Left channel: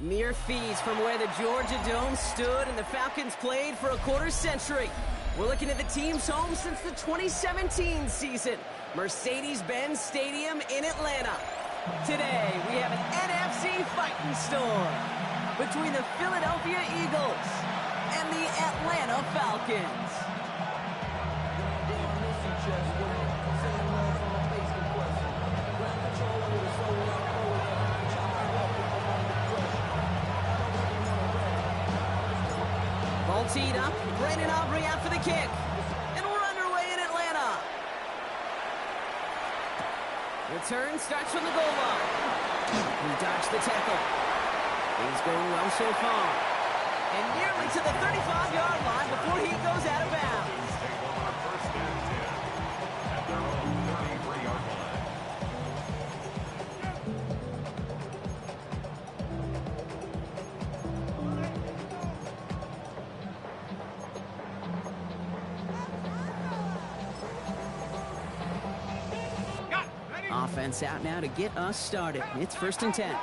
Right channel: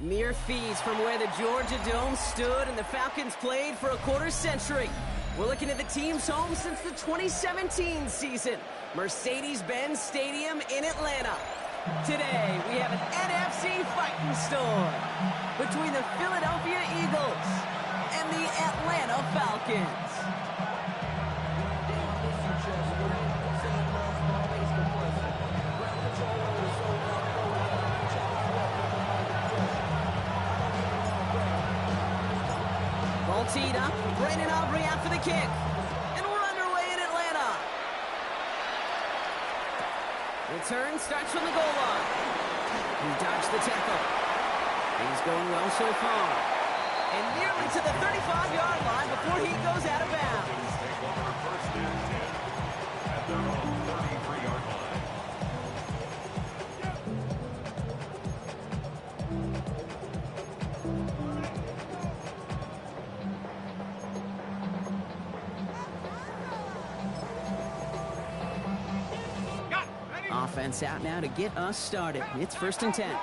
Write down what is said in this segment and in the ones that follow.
Mere feet from where the Georgia Dome stood and the Falcons played for a quarter century. We're looking at the team's home since the 2017 season, Mercedes-Benz Stadium in Atlanta. Today, we have an NFC fighting storm between the Philadelphia Eagles and the Atlanta Falcons. Ball teed up, Brandon Aubrey out for the kick. And we're underway in Atlanta. Return starts from the goal line. He dodged the tackle. Things going well so far. And nearly to the 35-yard line before he goes out of bounds. Take over first and 10 at their own 33-yard line. Offense out now to get us started. It's first and 10.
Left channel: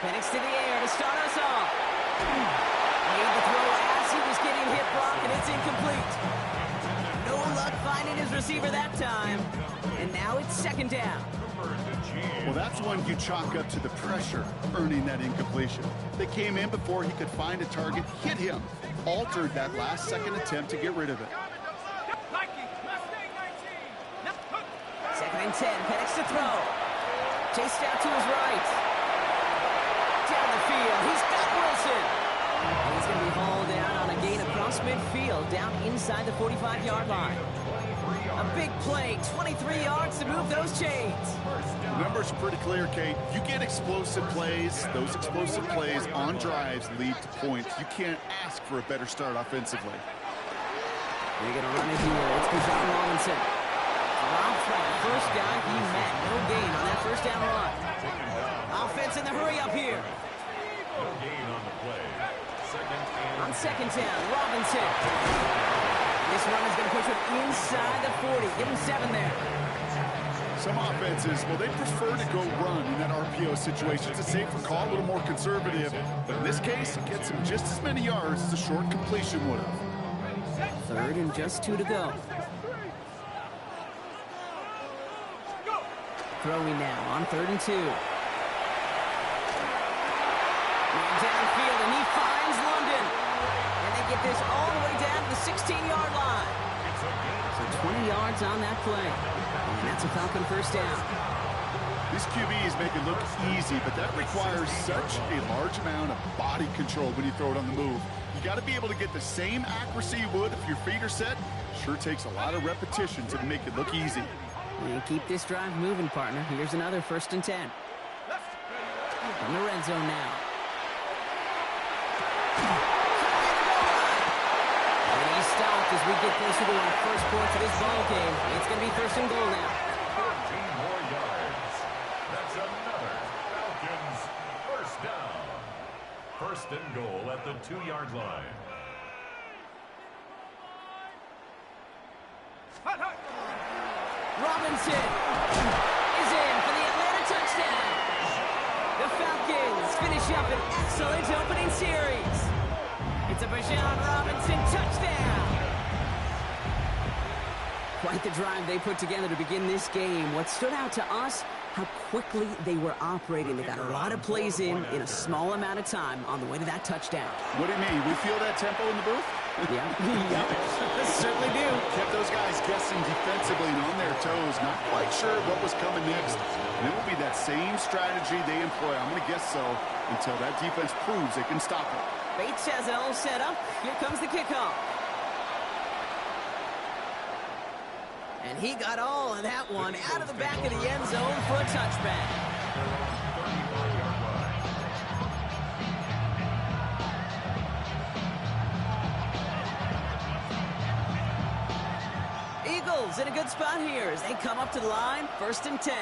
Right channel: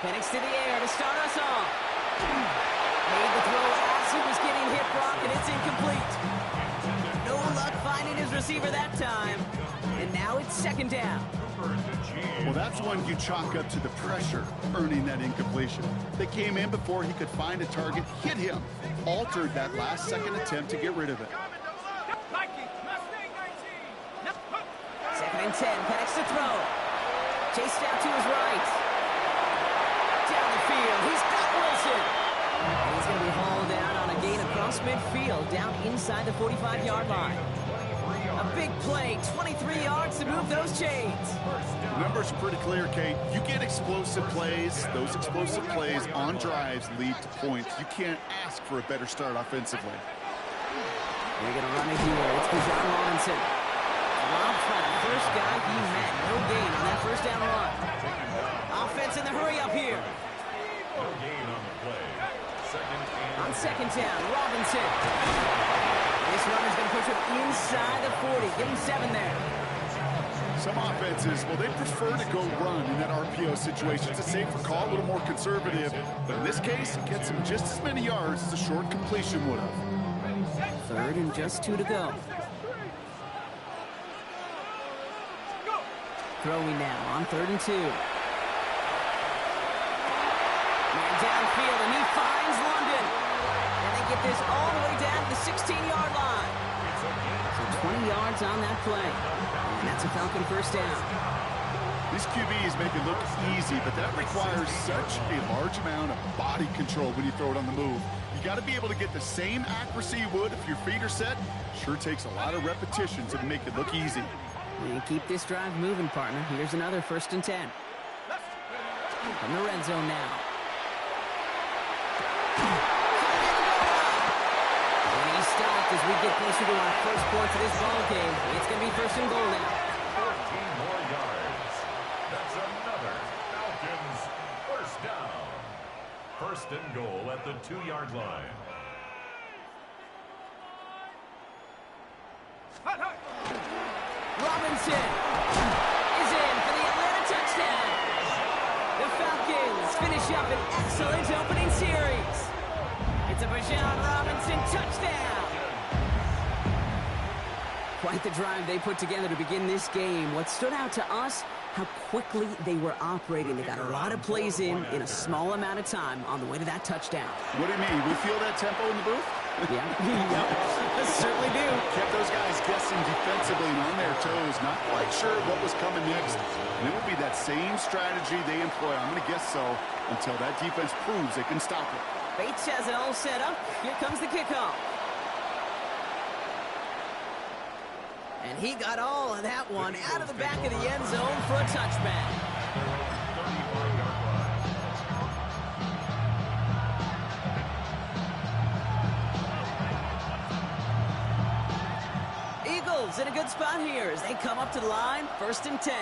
Penix to the air to start us off. Made the throw as he was getting hit, Brock, and it's incomplete. No luck finding his receiver that time. And now it's second down. Well, that's one you chalk up to the pressure, earning that incompletion. They came in before he could find a target, hit him, altered that last-second attempt to get rid of it. Second and 10, Penix to throw. Chased out to his right. Down the field, he's got Wilson. And he's going to be hauled down on a gain across midfield, down inside the 45-yard line. A big play, 23 yards to move those chains. The numbers are pretty clear, Kate. You get explosive plays. Those explosive plays on drives lead to points. You can't ask for a better start offensively. They're going to run it here. It's Bijan Robinson. Robbed by the first guy he met. No gain on that first down run. Offense in the hurry up here. No gain on the play. On second down, Robinson. This run is going to push him inside the 40. Give him 7 there. Some offenses, well, they prefer to go run in that RPO situation. It's a safer call, a little more conservative. But in this case, it gets him just as many yards as a short completion would have. Third and just 2 to go. Throwing now on 3rd and 2. Man downfield, and he finds London. And they get this all the way down to the 16-yard line. So 20 yards on that play. And that's a Falcon first down. These QBs make it look easy, but that requires such a large amount of body control when you throw it on the move. You got to be able to get the same accuracy you would if your feet are set. Sure takes a lot of repetition to make it look easy. And keep this drive moving, partner. Here's another 1st and 10. From the red zone now. And he's stopped as we get closer to our first point of this ball game. It's going to be 1st and goal now. 14 more yards. That's another Falcons first down. 1st and goal at the 2-yard line. Robinson is in for the Atlanta touchdown. The Falcons finish up an excellent opening series. It's a Bijan Robinson touchdown. Quite the drive they put together to begin this game. What stood out to us, how quickly they were operating. They got a lot of plays in a small amount of time on the way to that touchdown. What do you mean? We feel that tempo in the booth? Yeah, yep. Certainly do. Kept those guys guessing defensively and on their toes, not quite sure what was coming next. And it will be that same strategy they employ, I'm going to guess so, until that defense proves they can stop it. Bates has it all set up. Here comes the kickoff. And he got all of that one out of the back of the end zone for a touchback. Eagles in a good spot here as they come up to the line, 1st and 10.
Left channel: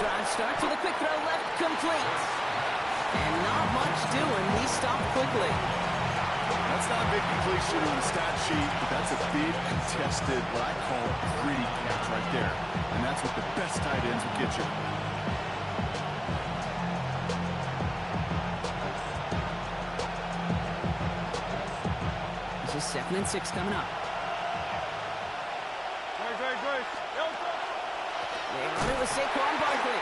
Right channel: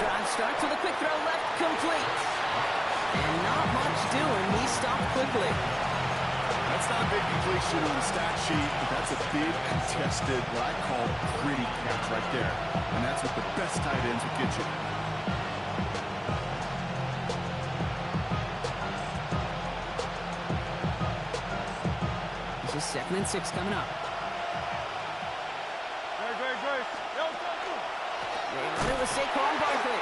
Drive starts with a quick throw left, complete. And not much doing, he stopped quickly. That's not a big completion on a stat sheet, but that's a big contested, what I call gritty catch right there. And that's what the best tight ends will get you. This is 2nd and 6 coming up. They run it with Saquon Barkley.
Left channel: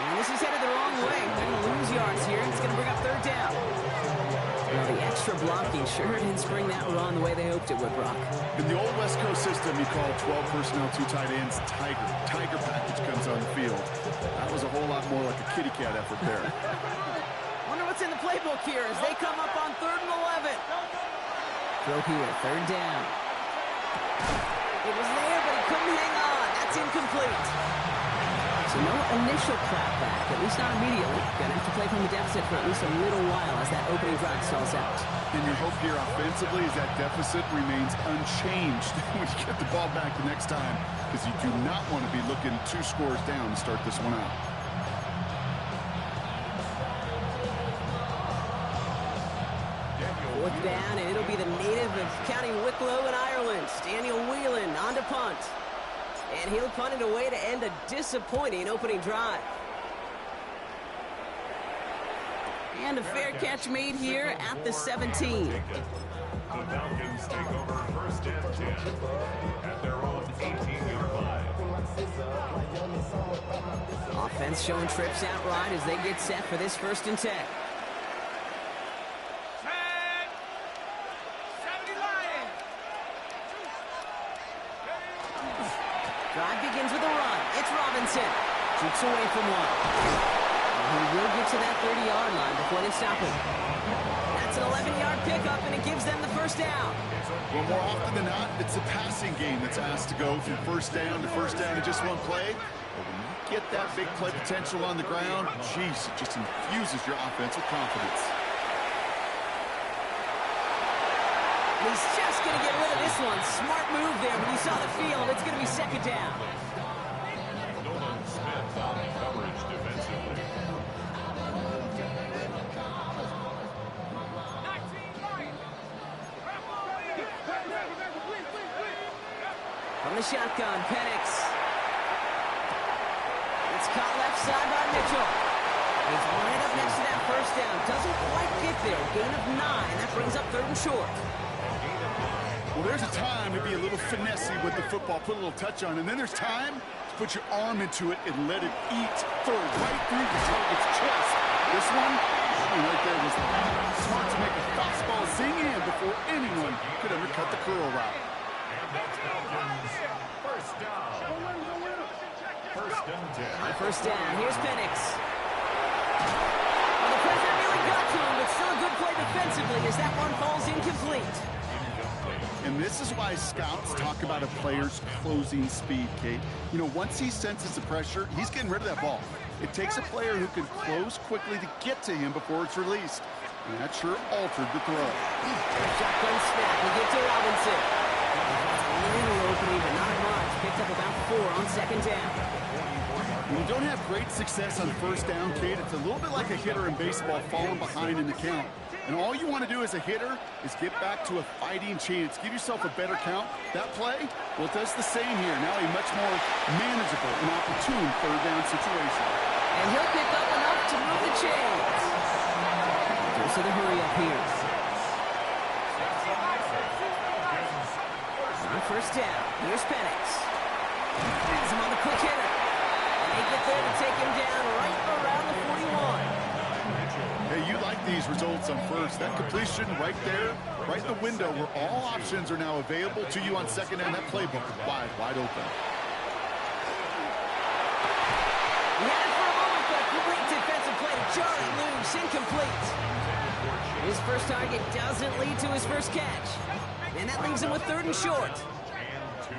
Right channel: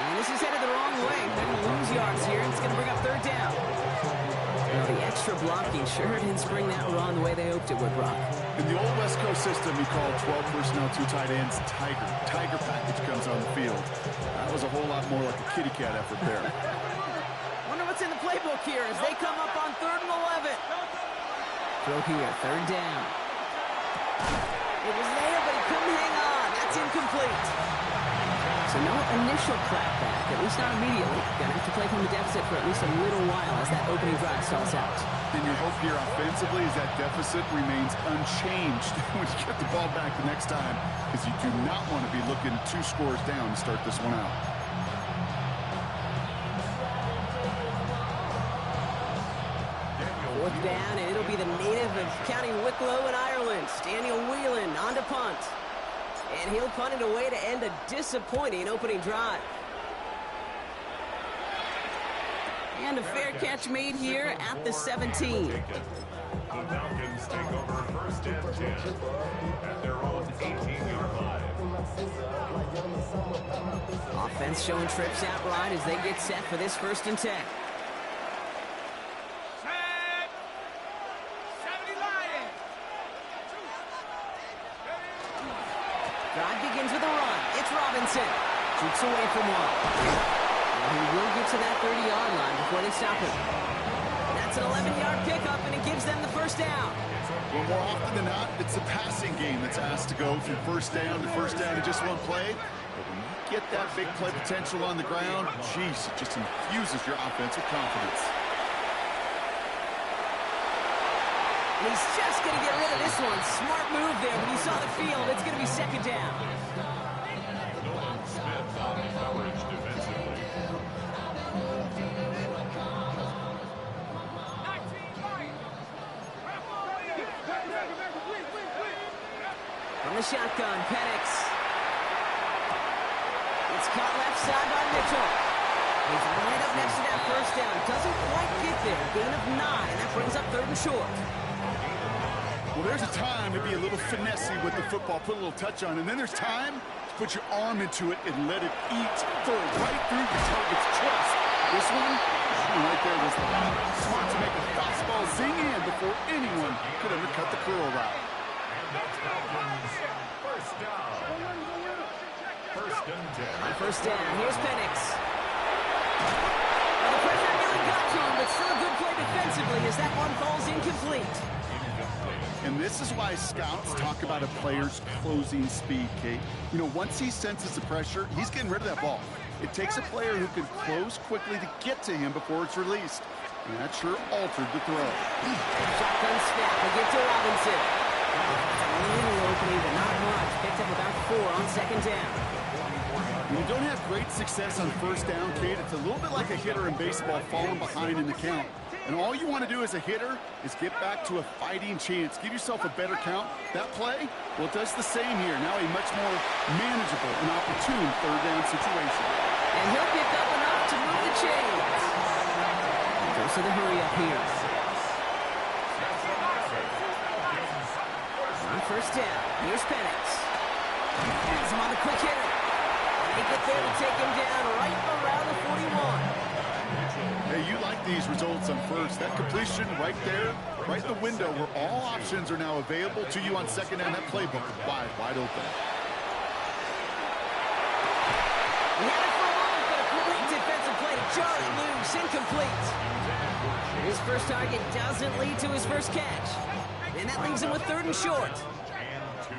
And this is headed the wrong way. They're going to lose yards here. It's going to bring up 3rd down. Well, the extra blocking sure didn't spring that run the way they hoped it would, Brock. In the old West Coast system, you call 12 personnel, 2 tight ends, Tiger. Tiger package comes on the field. That was a whole lot more like a kitty cat effort there. Wonder what's in the playbook here as they come up on 3rd and 11. Throw here, 3rd down. It was there, but he couldn't hang on. That's incomplete. So no initial clapback, at least not immediately. Gonna have to play from the deficit for at least a little while as that opening drive stalls out. And your hope here offensively is that deficit remains unchanged when you get the ball back the next time, because you do not want to be looking 2 scores down to start this one out. Fourth down, and it'll be the native of County Wicklow in Ireland, Daniel Whelan, on to punt. And he'll punt it away to end a disappointing opening drive. And a fair catch made here at the 17. The Falcons take over 1st and 10 at their own 18-yard line. Offense showing trips out right as they get set for this 1st and 10. Drive begins with a run. It's Robinson. Shoots away from one. And he will get to that 30-yard line before they stop him. That's an 11-yard pickup, and it gives them the 1st down. Well, more often than not, it's the passing game that's asked to go from 1st down to 1st down in just one play. But when you get that big play potential on the ground, geez, it just infuses your offense with confidence. And he's just going to get rid of this one. Smart move there when he saw the field. It's going to be 2nd down. Nolan Smith on coverage defensively. From the shotgun, Penix. It's caught left side by Mitchell. He's right up next to that 1st down. Doesn't quite get there. Gain of 9. That brings up 3rd and short. Well, there's a time to be a little finessey with the football, put a little touch on, and then there's time to put your arm into it and let it eat, throw it right through the target's chest. This one right there was smart to make a fastball zing in before anyone could undercut the curl route. And that's Falcons 1st down. 1st and 10. On 1st down, here's Penix. Well, the pressure really got to him, but still a good play defensively as that one falls incomplete. And this is why scouts talk about a player's closing speed, Kate. You know, once he senses the pressure, he's getting rid of that ball. It takes a player who can close quickly to get to him before it's released. And that sure altered the throw. Shotgun snap, we get to Robinson. A little opening, but not much. Picked up about 4 on 2nd down. When you don't have great success on 1st down, Kate, it's a little bit like a hitter in baseball falling behind in the count. And all you want to do as a hitter is get back to a fighting chance. Give yourself a better count. That play, well, it does the same here. Now a much more manageable and opportune 3rd down situation. And he'll pick up enough to move the chains. Goes to the hurry up here. On 1st down, here's Penix. Has him on the quick hitter. And they get there to take him down right around the 41. Hey, you like these results on 1st. That completion right there, right in the window where all options are now available to you on 2nd down. That playbook is wide open. He had it for a moment, but a great defensive play to jar it loose. Incomplete. His 1st target doesn't lead to his 1st catch. And that leaves him with 3rd and short. And 2.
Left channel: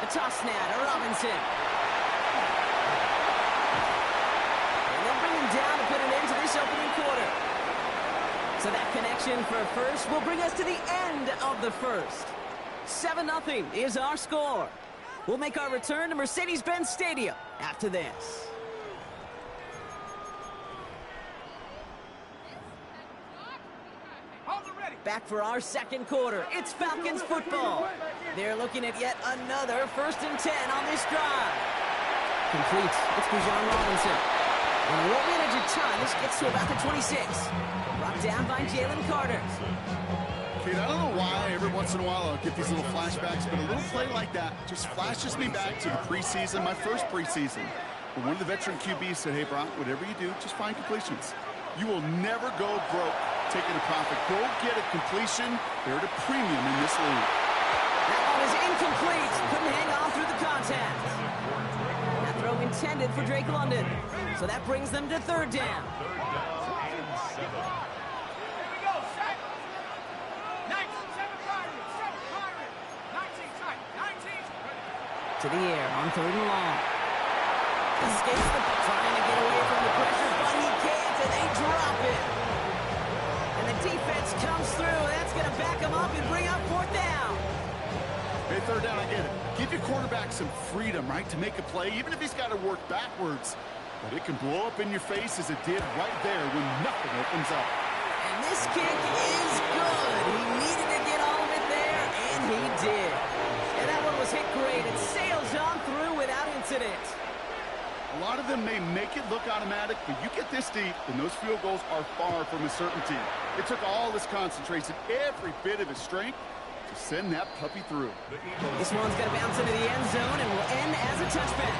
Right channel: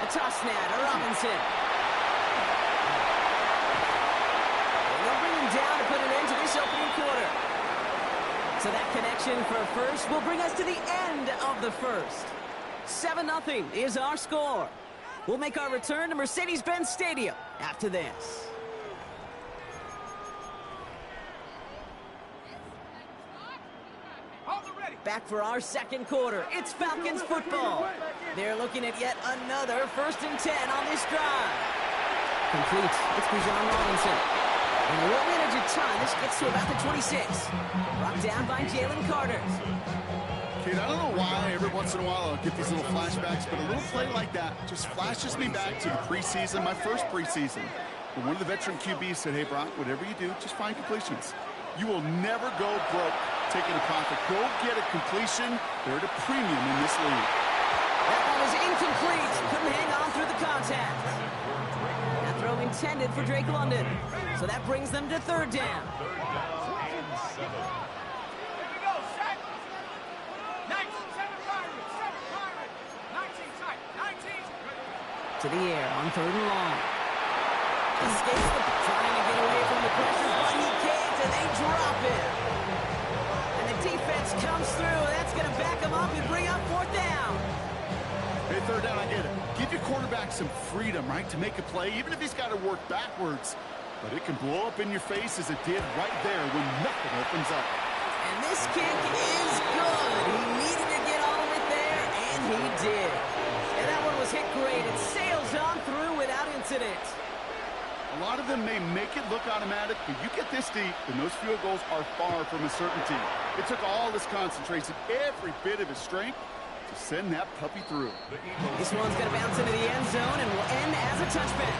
A toss now to Robinson. And they'll bring him down to put an end to this opening quarter. So that connection for 1st will bring us to the end of the 1st. 7-0 is our score. We'll make our return to Mercedes-Benz Stadium after this. Back for our second quarter. It's Falcons football. They're looking at yet another 1st and 10 on this drive. Complete. It's Bijan Robinson. And they won't manage a ton. This gets to about the 26. Brought down by Jalen Carter. Kid, I don't know why every once in a while I'll get these little flashbacks, but a little play like that just flashes me back to the preseason, my first preseason. But one of the veteran QBs said, hey, Brock, whatever you do, just find completions. You will never go broke taking a profit. Go get a completion. They're at a premium in this league. That one is incomplete. Couldn't hang on through the contact. That throw intended for Drake London. So that brings them to 3rd down. To the air on 3rd and long. Escapes trying to get away from the pressure, but he can't, and they drop it. And the defense comes through. That's going to back him up and bring up 4th down. Hey, 3rd down, I get it. Give your quarterback some freedom, right, to make a play, even if he's got to work backwards. But it can blow up in your face as it did right there when nothing opens up. And this kick is good. He needed to get all of it there, and he did. And that one was hit great. It sails on through without incident. A lot of them may make it look automatic, but you get this deep, and those field goals are far from a certainty. It took all his concentration, every bit of his strength, to send that puppy through. This one's going to bounce into the end zone and will end as a touchback.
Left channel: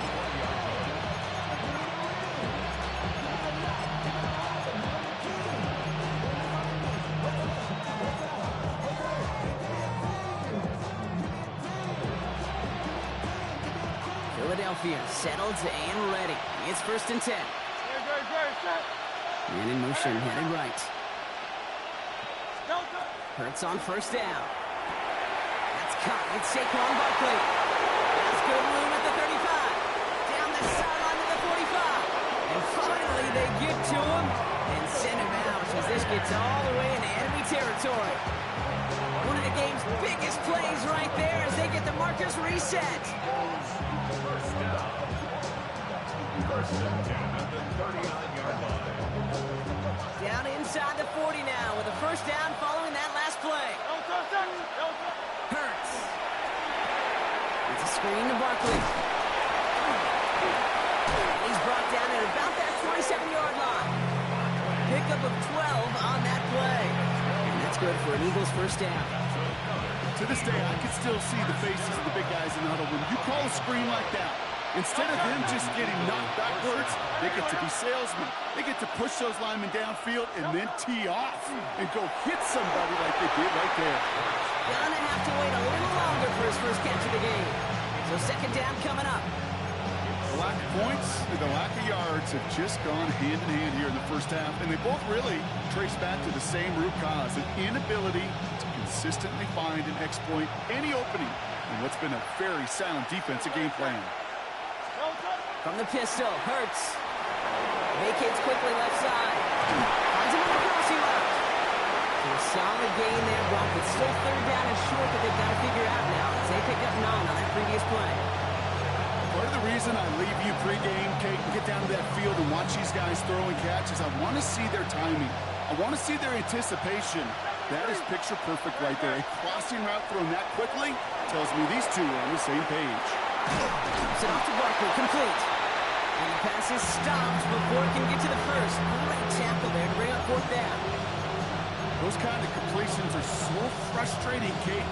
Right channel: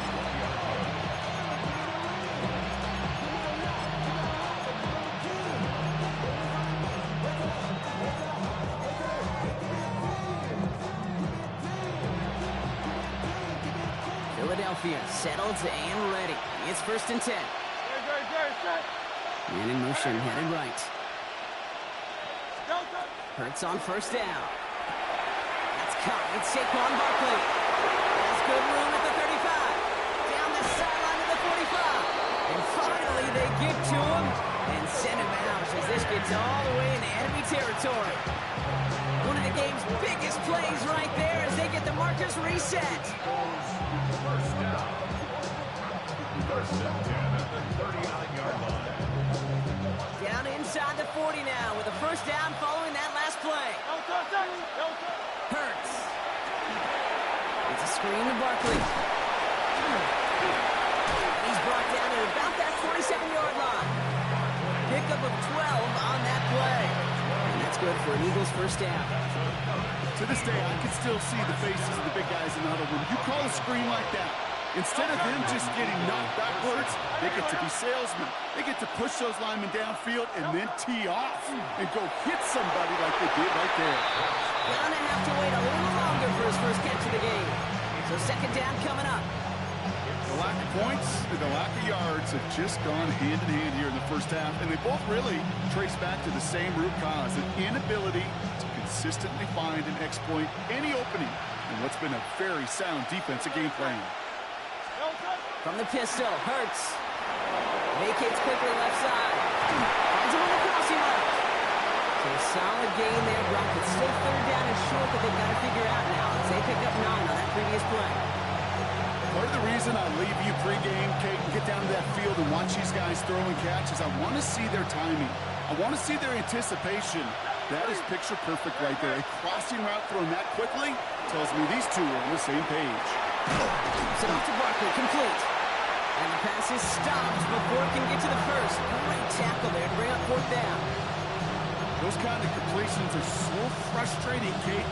Philadelphia settled and ready. It's 1st and 10. Man in motion, headed right. Hurts on 1st down. That's caught. It's Saquon Barkley. Has good room at the 35. Down the sideline to the 45. And finally they get to him and send him out as this gets all the way into enemy territory. One of the game's biggest plays right there as they get the markers reset. 1st down. 1st and 10 at the 39-yard line. Down inside the 40 now with a 1st down following that last play. Hurts. It's a screen to Barkley. And he's brought down at about that 27-yard line. Pickup of 12 on that play. And that's good for an Eagles 1st down. To this day, I can still see the faces of the big guys in the huddle. When you call a screen like that, instead of them just getting knocked backwards, they get to be salesmen. They get to push those linemen downfield and then tee off and go hit somebody like they did right there. Gonna have to wait a little longer for his 1st catch of the game. So 2nd down coming up. The lack of points and the lack of yards have just gone hand in hand here in the 1st half, and they both really trace back to the same root cause, an inability to consistently find and exploit any opening in what's been a very sound defensive game plan. From the pistol, Hurts. Vacates quickly left side. Finds him on the crossing route. So a solid gain there, Brock, but still 3rd down and short that they've got to figure out now as they pick up 9 on that previous play. Part of the reason I leave you pregame, Kate, and get down to that field and watch these guys throw and catch is I want to see their timing. I want to see their anticipation. That is picture perfect right there. A crossing route thrown that quickly tells me these two are on the same page. Set off to Barkley, complete. And the pass is stopped before it can get to the 1st. Great tackle there to bring up 4th down. Those kind of completions are so frustrating, Kate.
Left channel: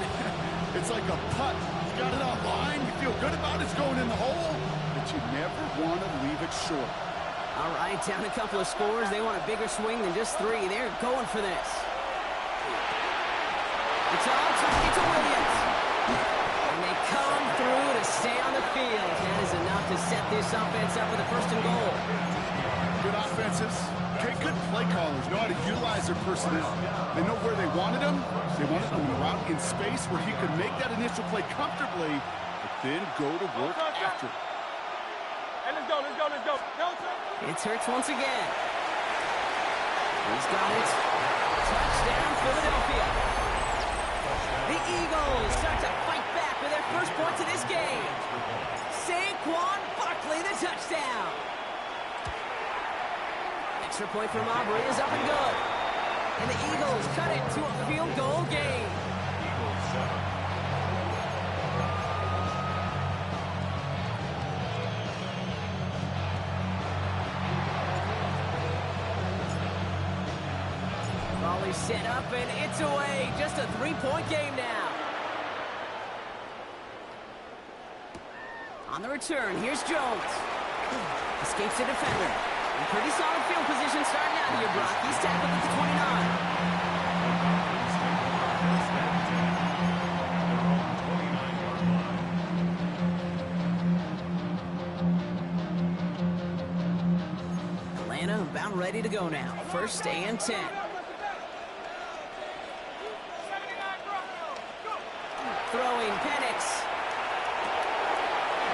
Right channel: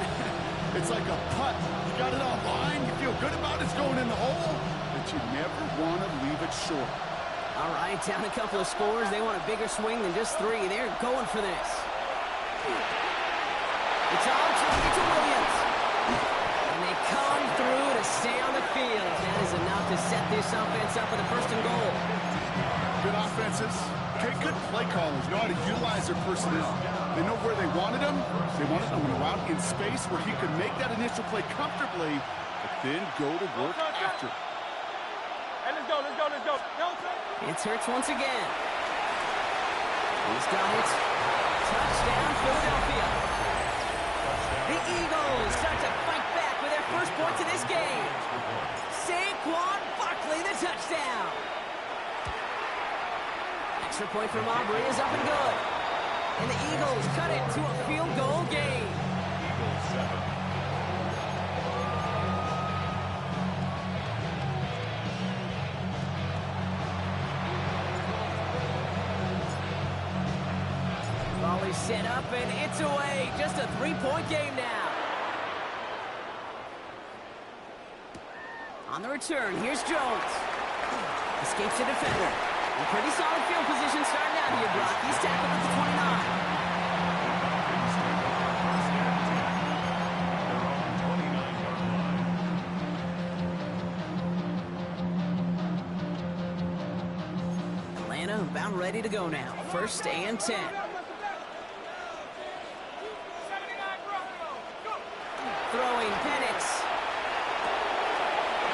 It's like a putt. You got it on line, you feel good about it's going in the hole, but you never want to leave it short. All right, down a couple of scores. They want a bigger swing than just 3. They're going for this. It's on to Williams. And they come through to stay on the field. That is enough to set this offense up with a 1st and goal. Good offenses. Okay, good play callers know how to utilize their personnel. They know where they wanted them. They wanted them in route in space where he could make that initial play comfortably, but then go to work after. Hey, let's go. It's Hurts once again. He's got it. Touchdown, Philadelphia. The Eagles start to fight back with their first points of this game. Saquon Barkley, the touchdown. Extra point from Aubrey is up and good. And the Eagles cut it to a field goal game. Eagles 7. Volley set up and it's away. Just a 3-point game now. On the return, here's Jones. Escapes the defender. In pretty solid field position starting out here, Brock. He's tackled at the 29. Falcons take over first and 10 at their own 29-yard line. Atlanta about ready to go now. First and 10. Throwing Penix.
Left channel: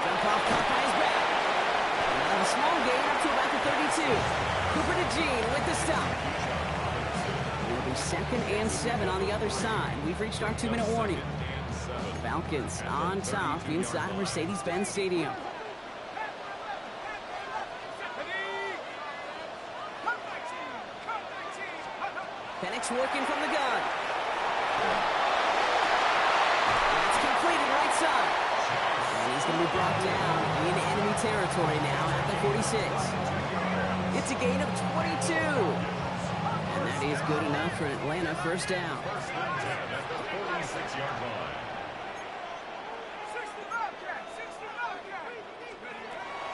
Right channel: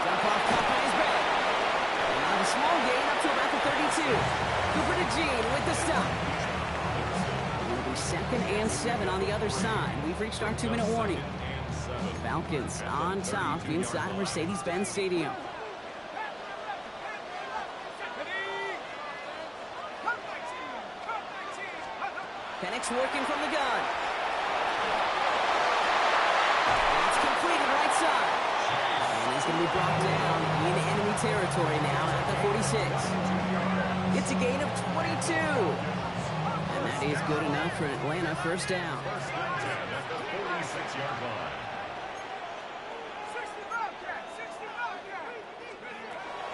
Dump off caught by his back. And out of a small gain up to about the 32. Cooper to Jean with the stop. It'll be second and 7 on the other side. We've reached our 2-minute warning. Falcons on top inside Mercedes-Benz Stadium. Penix working from the gun. That's completed right side. And he's going to be brought down in enemy territory now at the 46. It's a gain of 22. And that is good enough for Atlanta first down. First and 10 at the 46-yard line.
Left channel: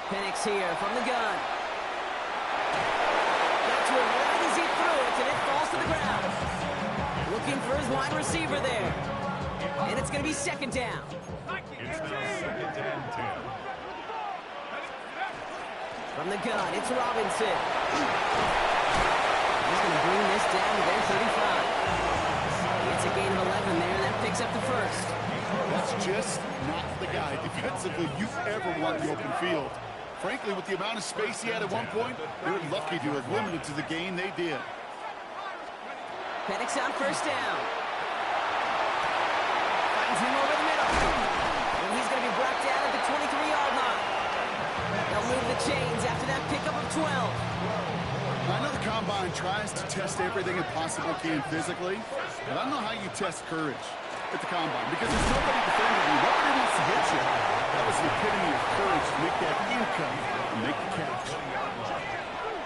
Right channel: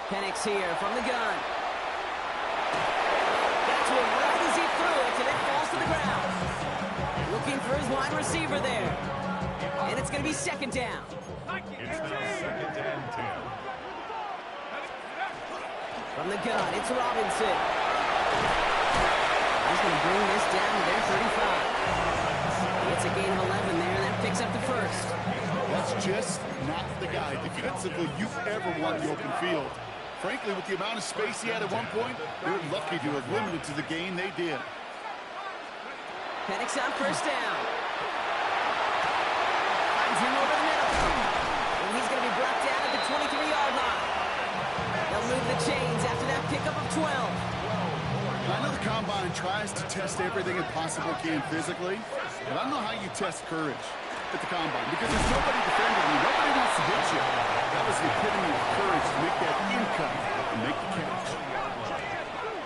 Penix here from the gun. Got to him right as he threw it, and it falls to the ground. Looking for his wide receiver there. And it's going to be second down. It's now second and 10. From the gun, it's Robinson. He's going to bring this down to their 35. It's a gain of 11 there, and that picks up the first. That's just not the guy defensively you ever want in the open field. Frankly, with the amount of space he had at one point, they're lucky to have limited to the gain they did. Penix on first down. Finds him over the middle. And he's going to be brought down at the 23-yard line. They'll move the chains after that pickup of 12. I know the Combine tries to test everything it possibly can physically, but I don't know how you test courage at the Combine, because there's nobody defending you. Nobody wants to hit you. That was the epitome of courage to make that income and make the catch.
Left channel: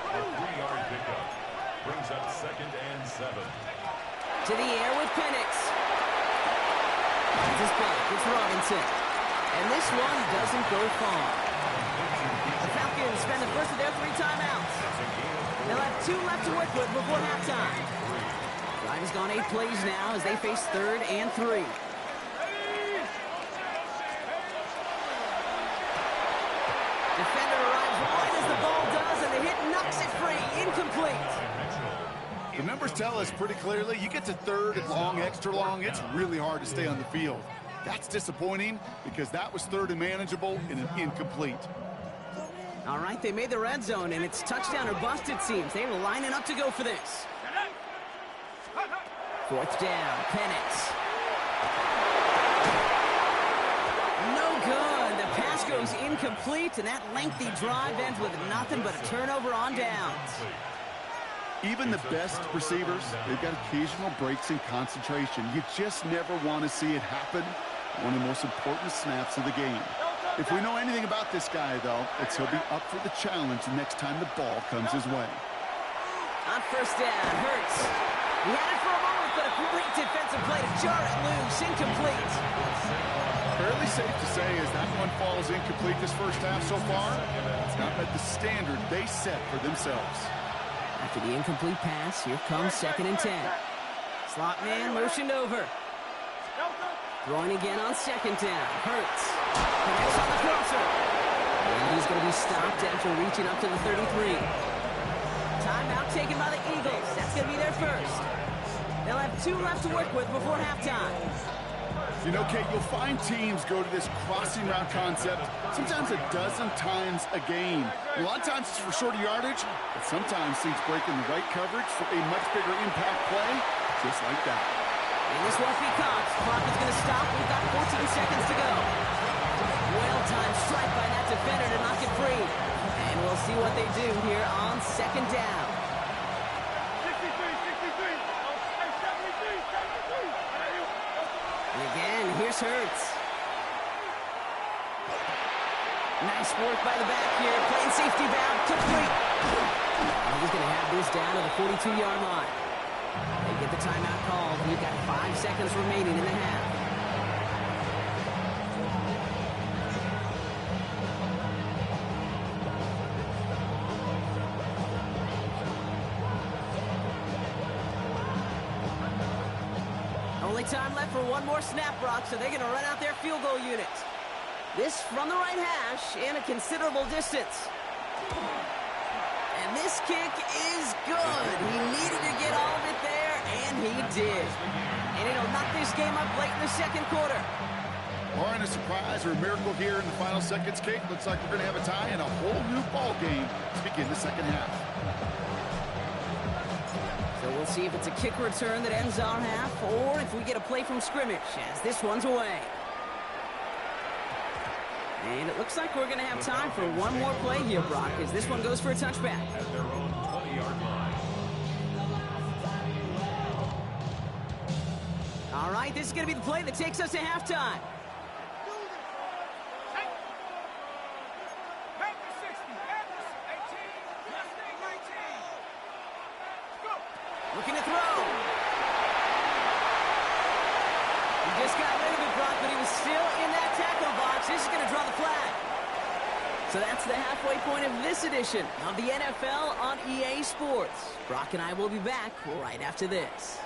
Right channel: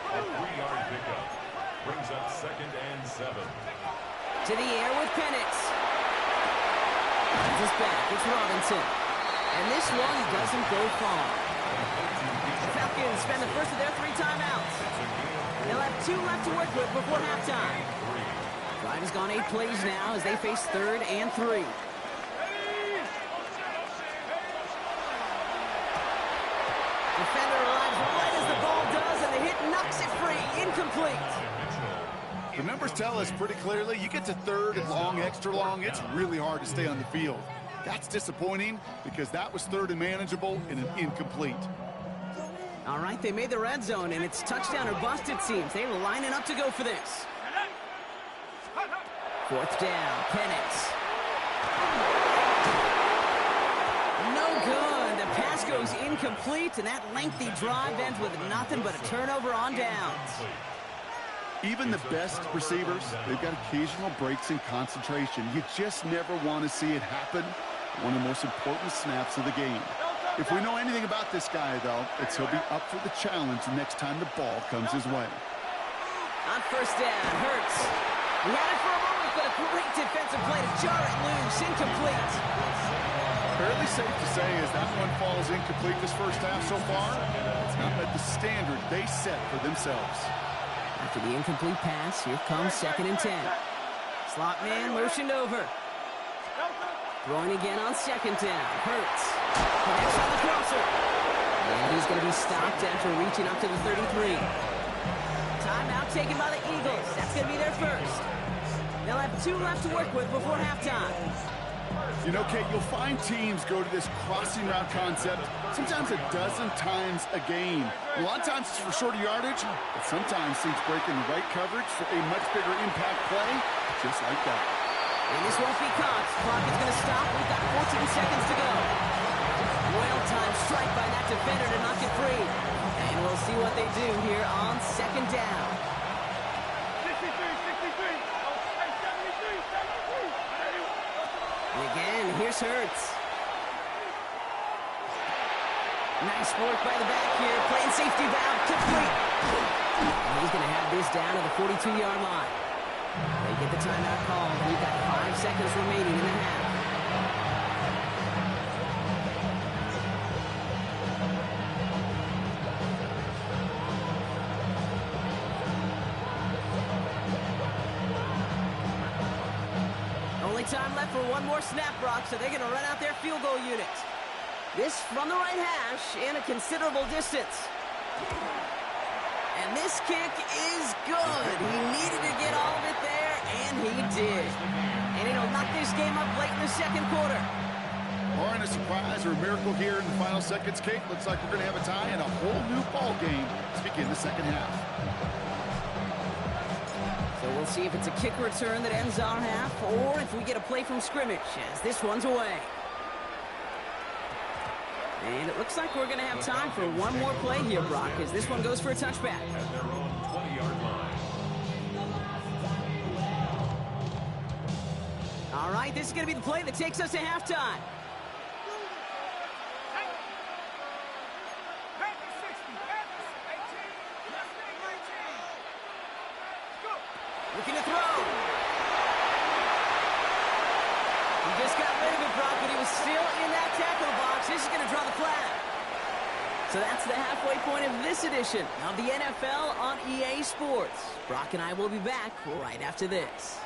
A 3-yard pickup brings up second and 7. To the air with Penix. Finds his back. It's Robinson. And this one doesn't go far. The Falcons spend the first of their 3 timeouts. They'll have 2 left to work with before halftime. Drive has gone 8 plays now as they face 3rd and 3. Defender arrives right as the ball does, and the hit knocks it free. Incomplete. The numbers tell us pretty clearly, you get to 3rd and long, extra long, it's really hard to stay on the field. That's disappointing because that was 3rd and manageable and an incomplete. All right, they made the red zone, and it's touchdown or bust, it seems. They were lining up to go for this. 4th down, Penix. No good. The pass goes incomplete, and that lengthy drive ends with nothing but a turnover on downs. Even the best receivers, they've got occasional breaks in concentration. You just never want to see it happen. One of the most important snaps of the game. If we know anything about this guy, though, it's he'll be up for the challenge the next time the ball comes his way. On first down, Hurts. He had it for a moment, but a great defensive play to jar it loose. Incomplete. Fairly safe to say as that one falls incomplete this first half so far, it's not met the standard they set for themselves. After the incomplete pass, here comes 2nd and 10. Slot man motioned over. Throwing again on 2nd down. Hurts. Connects on the crosser. And he's going to be stopped after reaching up to the 33. Timeout taken by the Eagles. That's going to be their first. They'll have 2 left to work with before halftime. You know, Kate, you'll find teams go to this crossing route concept sometimes a dozen times a game. A lot of times it's for shorter yardage, but sometimes things break in the right coverage for a much bigger impact play, just like that. And this won't be caught. Clock is going to stop. We've got 14 seconds to go. Well-timed strike by that defender to knock it free. And we'll see what they do here on second down. 63, 63. Oh, hey, 73, 73. And again, here's Hurts. Nice work by the back here. Playing safety valve complete. And he's going to have this down to the 42-yard line. They get the timeout called. We've got 5 seconds remaining in the half. Only time left for one more snap, Brock, so they're going to run out their field goal unit. This from the right hash in a considerable distance. And this kick is good. He needed to get all of it there, and he did. And it'll knock this game up late in the second quarter. Barring a surprise or a miracle here in the final seconds, Kate, looks like we're going to have a tie and a whole new ball game to begin the second half. So we'll see if it's a kick return that ends our half, or if we get a play from scrimmage, as this one's away. And it looks like we're going to have time for one more play here, Brock, as this one goes for a touchback. At their own 20-yard line. All right, this is going to be the play that takes us to halftime. Looking to throw. He just got rid of it, Brock, but he was still in that tackle box. This is going to draw the flag. So that's the halfway point of this edition of the NFL on EA Sports. Brock and I will be back right after this.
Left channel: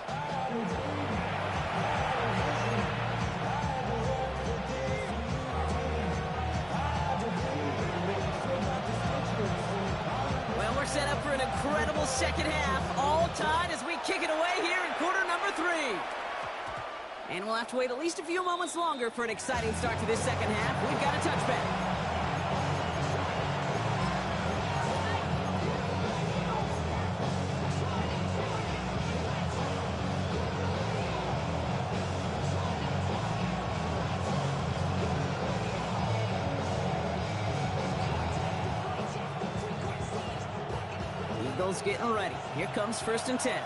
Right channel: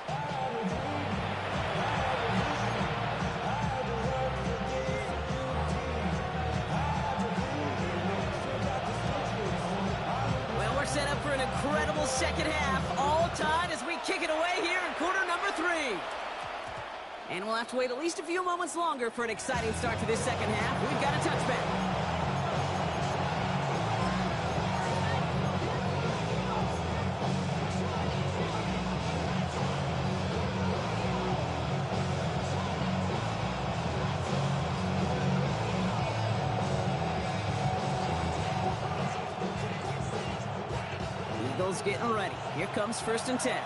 Well, we're set up for an incredible second half, all tied as we kick it away here in quarter number 3. And we'll have to wait at least a few moments longer for an exciting start to this second half. We've got a touchback. Eagles getting ready. Here comes 1st and 10.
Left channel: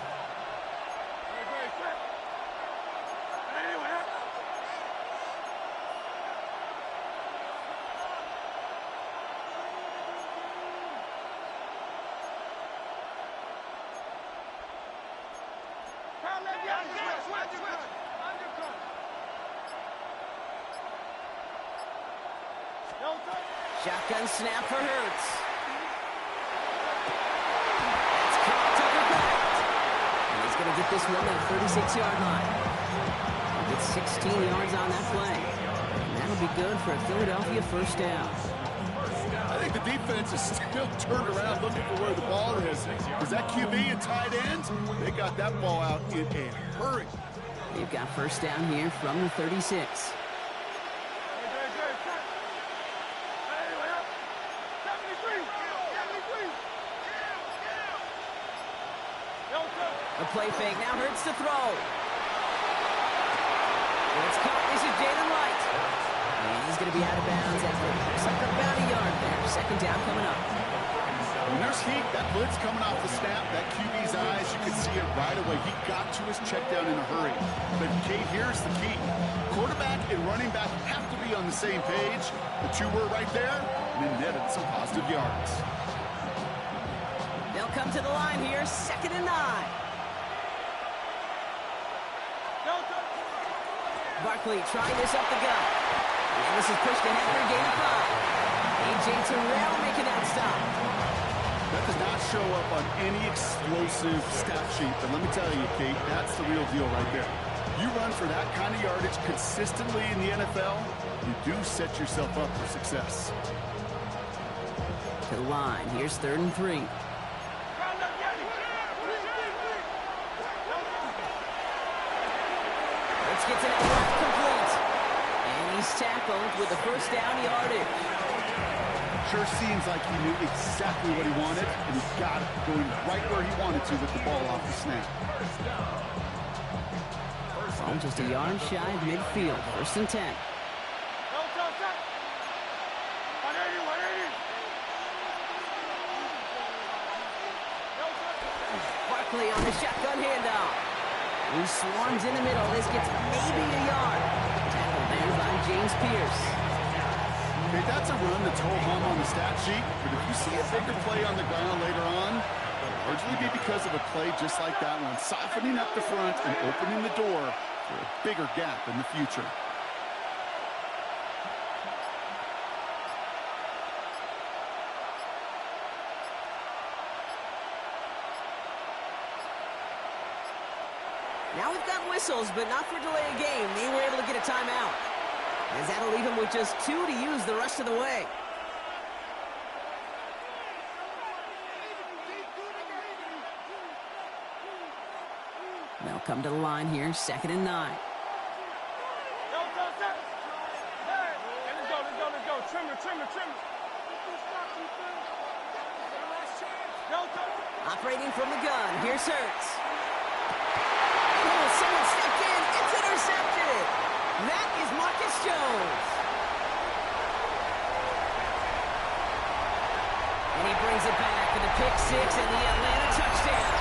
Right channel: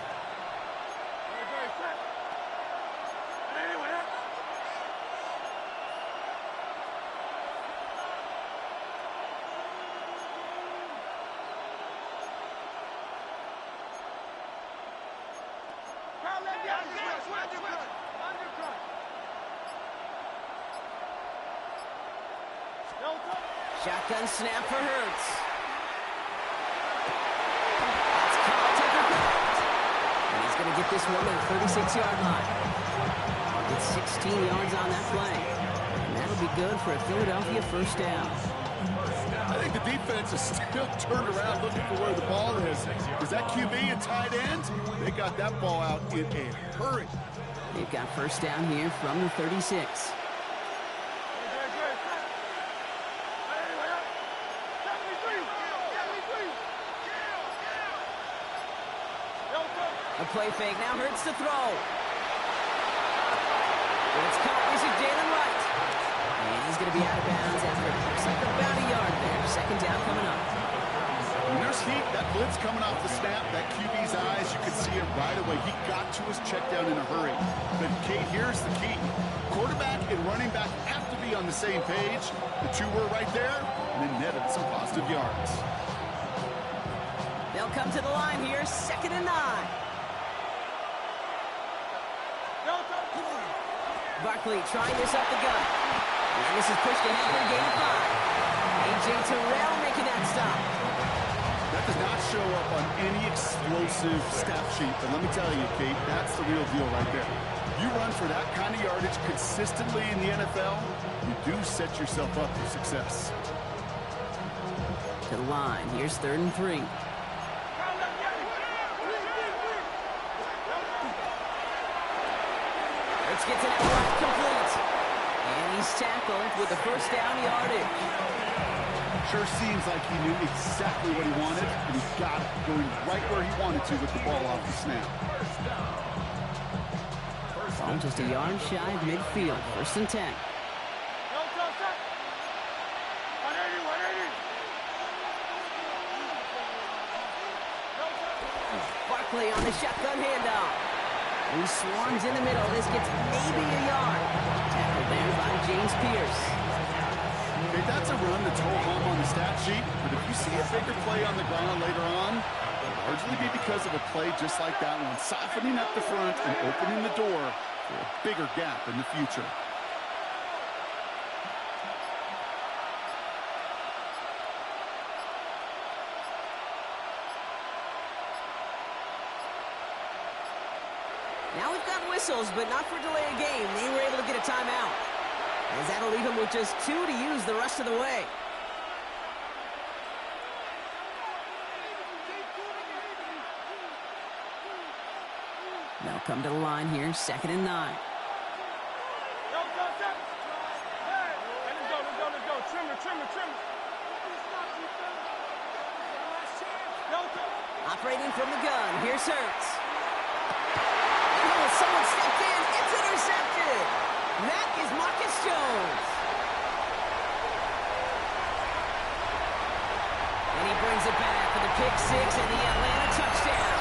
Shotgun snap for Hurts. That's caught, Tucker backed. And he's going to get this one to the 36-yard line. He'll get 16 yards on that play. And that'll be good for a Philadelphia first down. I think the defense is still turned around looking for where the ball is. Because that QB and tight ends, they got that ball out in a hurry. They've got first down here from the 36. A play fake, now Hurts to throw. It's caught, this is Jalen Wright. And he's going to be out of bounds after it looks like about a yard there. Second down coming up. When there's heat, that blitz coming off the snap, that QB's eyes, you could see it right away. He got to his check down in a hurry. But Kate, here's the key. Quarterback and running back have to be on the same page. The two were right there, and then netted some positive yards. They'll come to the line here, 2nd and 9. Barkley trying this up the gut. And this is pushed ahead for a gain of 5. A.J. Terrell making that stop. That does not show up on any explosive stat sheet. But let me tell you, Kate, that's the real deal right there. You run for that kind of yardage consistently in the NFL, you do set yourself up for success. To the line. Here's 3rd and 3. Hurts gets it out right, complete. And he's tackled with the first down yardage. Sure seems like he knew exactly what he wanted, and he got it, going right where he wanted to with the ball off the snap. Ball just a yard shy of midfield. 1st and 10. Barkley on the shotgun handoff. He swarms in the middle. This gets maybe a yard. Tackled there by James Pierce. Okay, that's a run that's ho-hum on the stat sheet, but if you see a bigger play on the ground later on, it'll largely be because of a play just like that one, softening up the front and opening the door for a bigger gap in the future. Now we've got whistles, but not for delay of game. They were able to get a timeout, as that'll leave him with just 2 to use the rest of the way. They'll come to the line here, 2nd and 9. Let's go. Trimmer. Operating from the gun, here's Hurts. Oh, someone stepped in, it's intercepted. That is Marcus Jones. And he brings it back for the pick 6 and the Atlanta touchdown.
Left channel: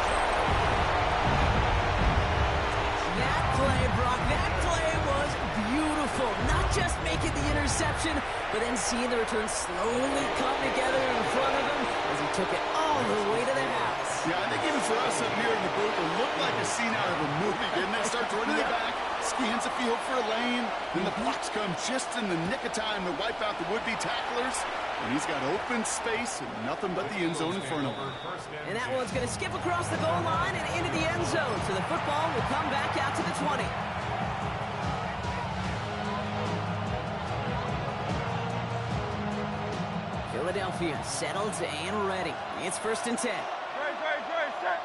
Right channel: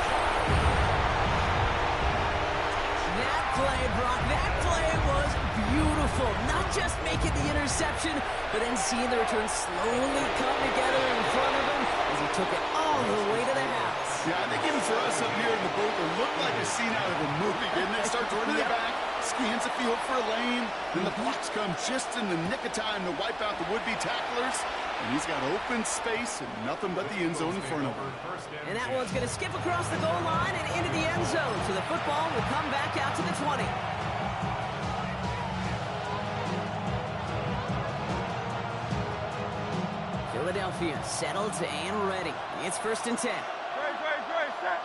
That play, Brock, that play was beautiful. Not just making the interception, but then seeing the return slowly come together in front of him as he took it all the way to the house. Yeah, I think even for us up here in the booth, it looked like a scene out of a movie, didn't it? Starts running it back, scans the field for a lane, then the blocks come just in the nick of time to wipe out the would-be tacklers, and he's got open space and nothing but the end zone in front of him. And that one's going to skip across the goal line and into the end zone, so the football will come back out to the 20. Philadelphia settled and ready. It's 1st and 10. Set.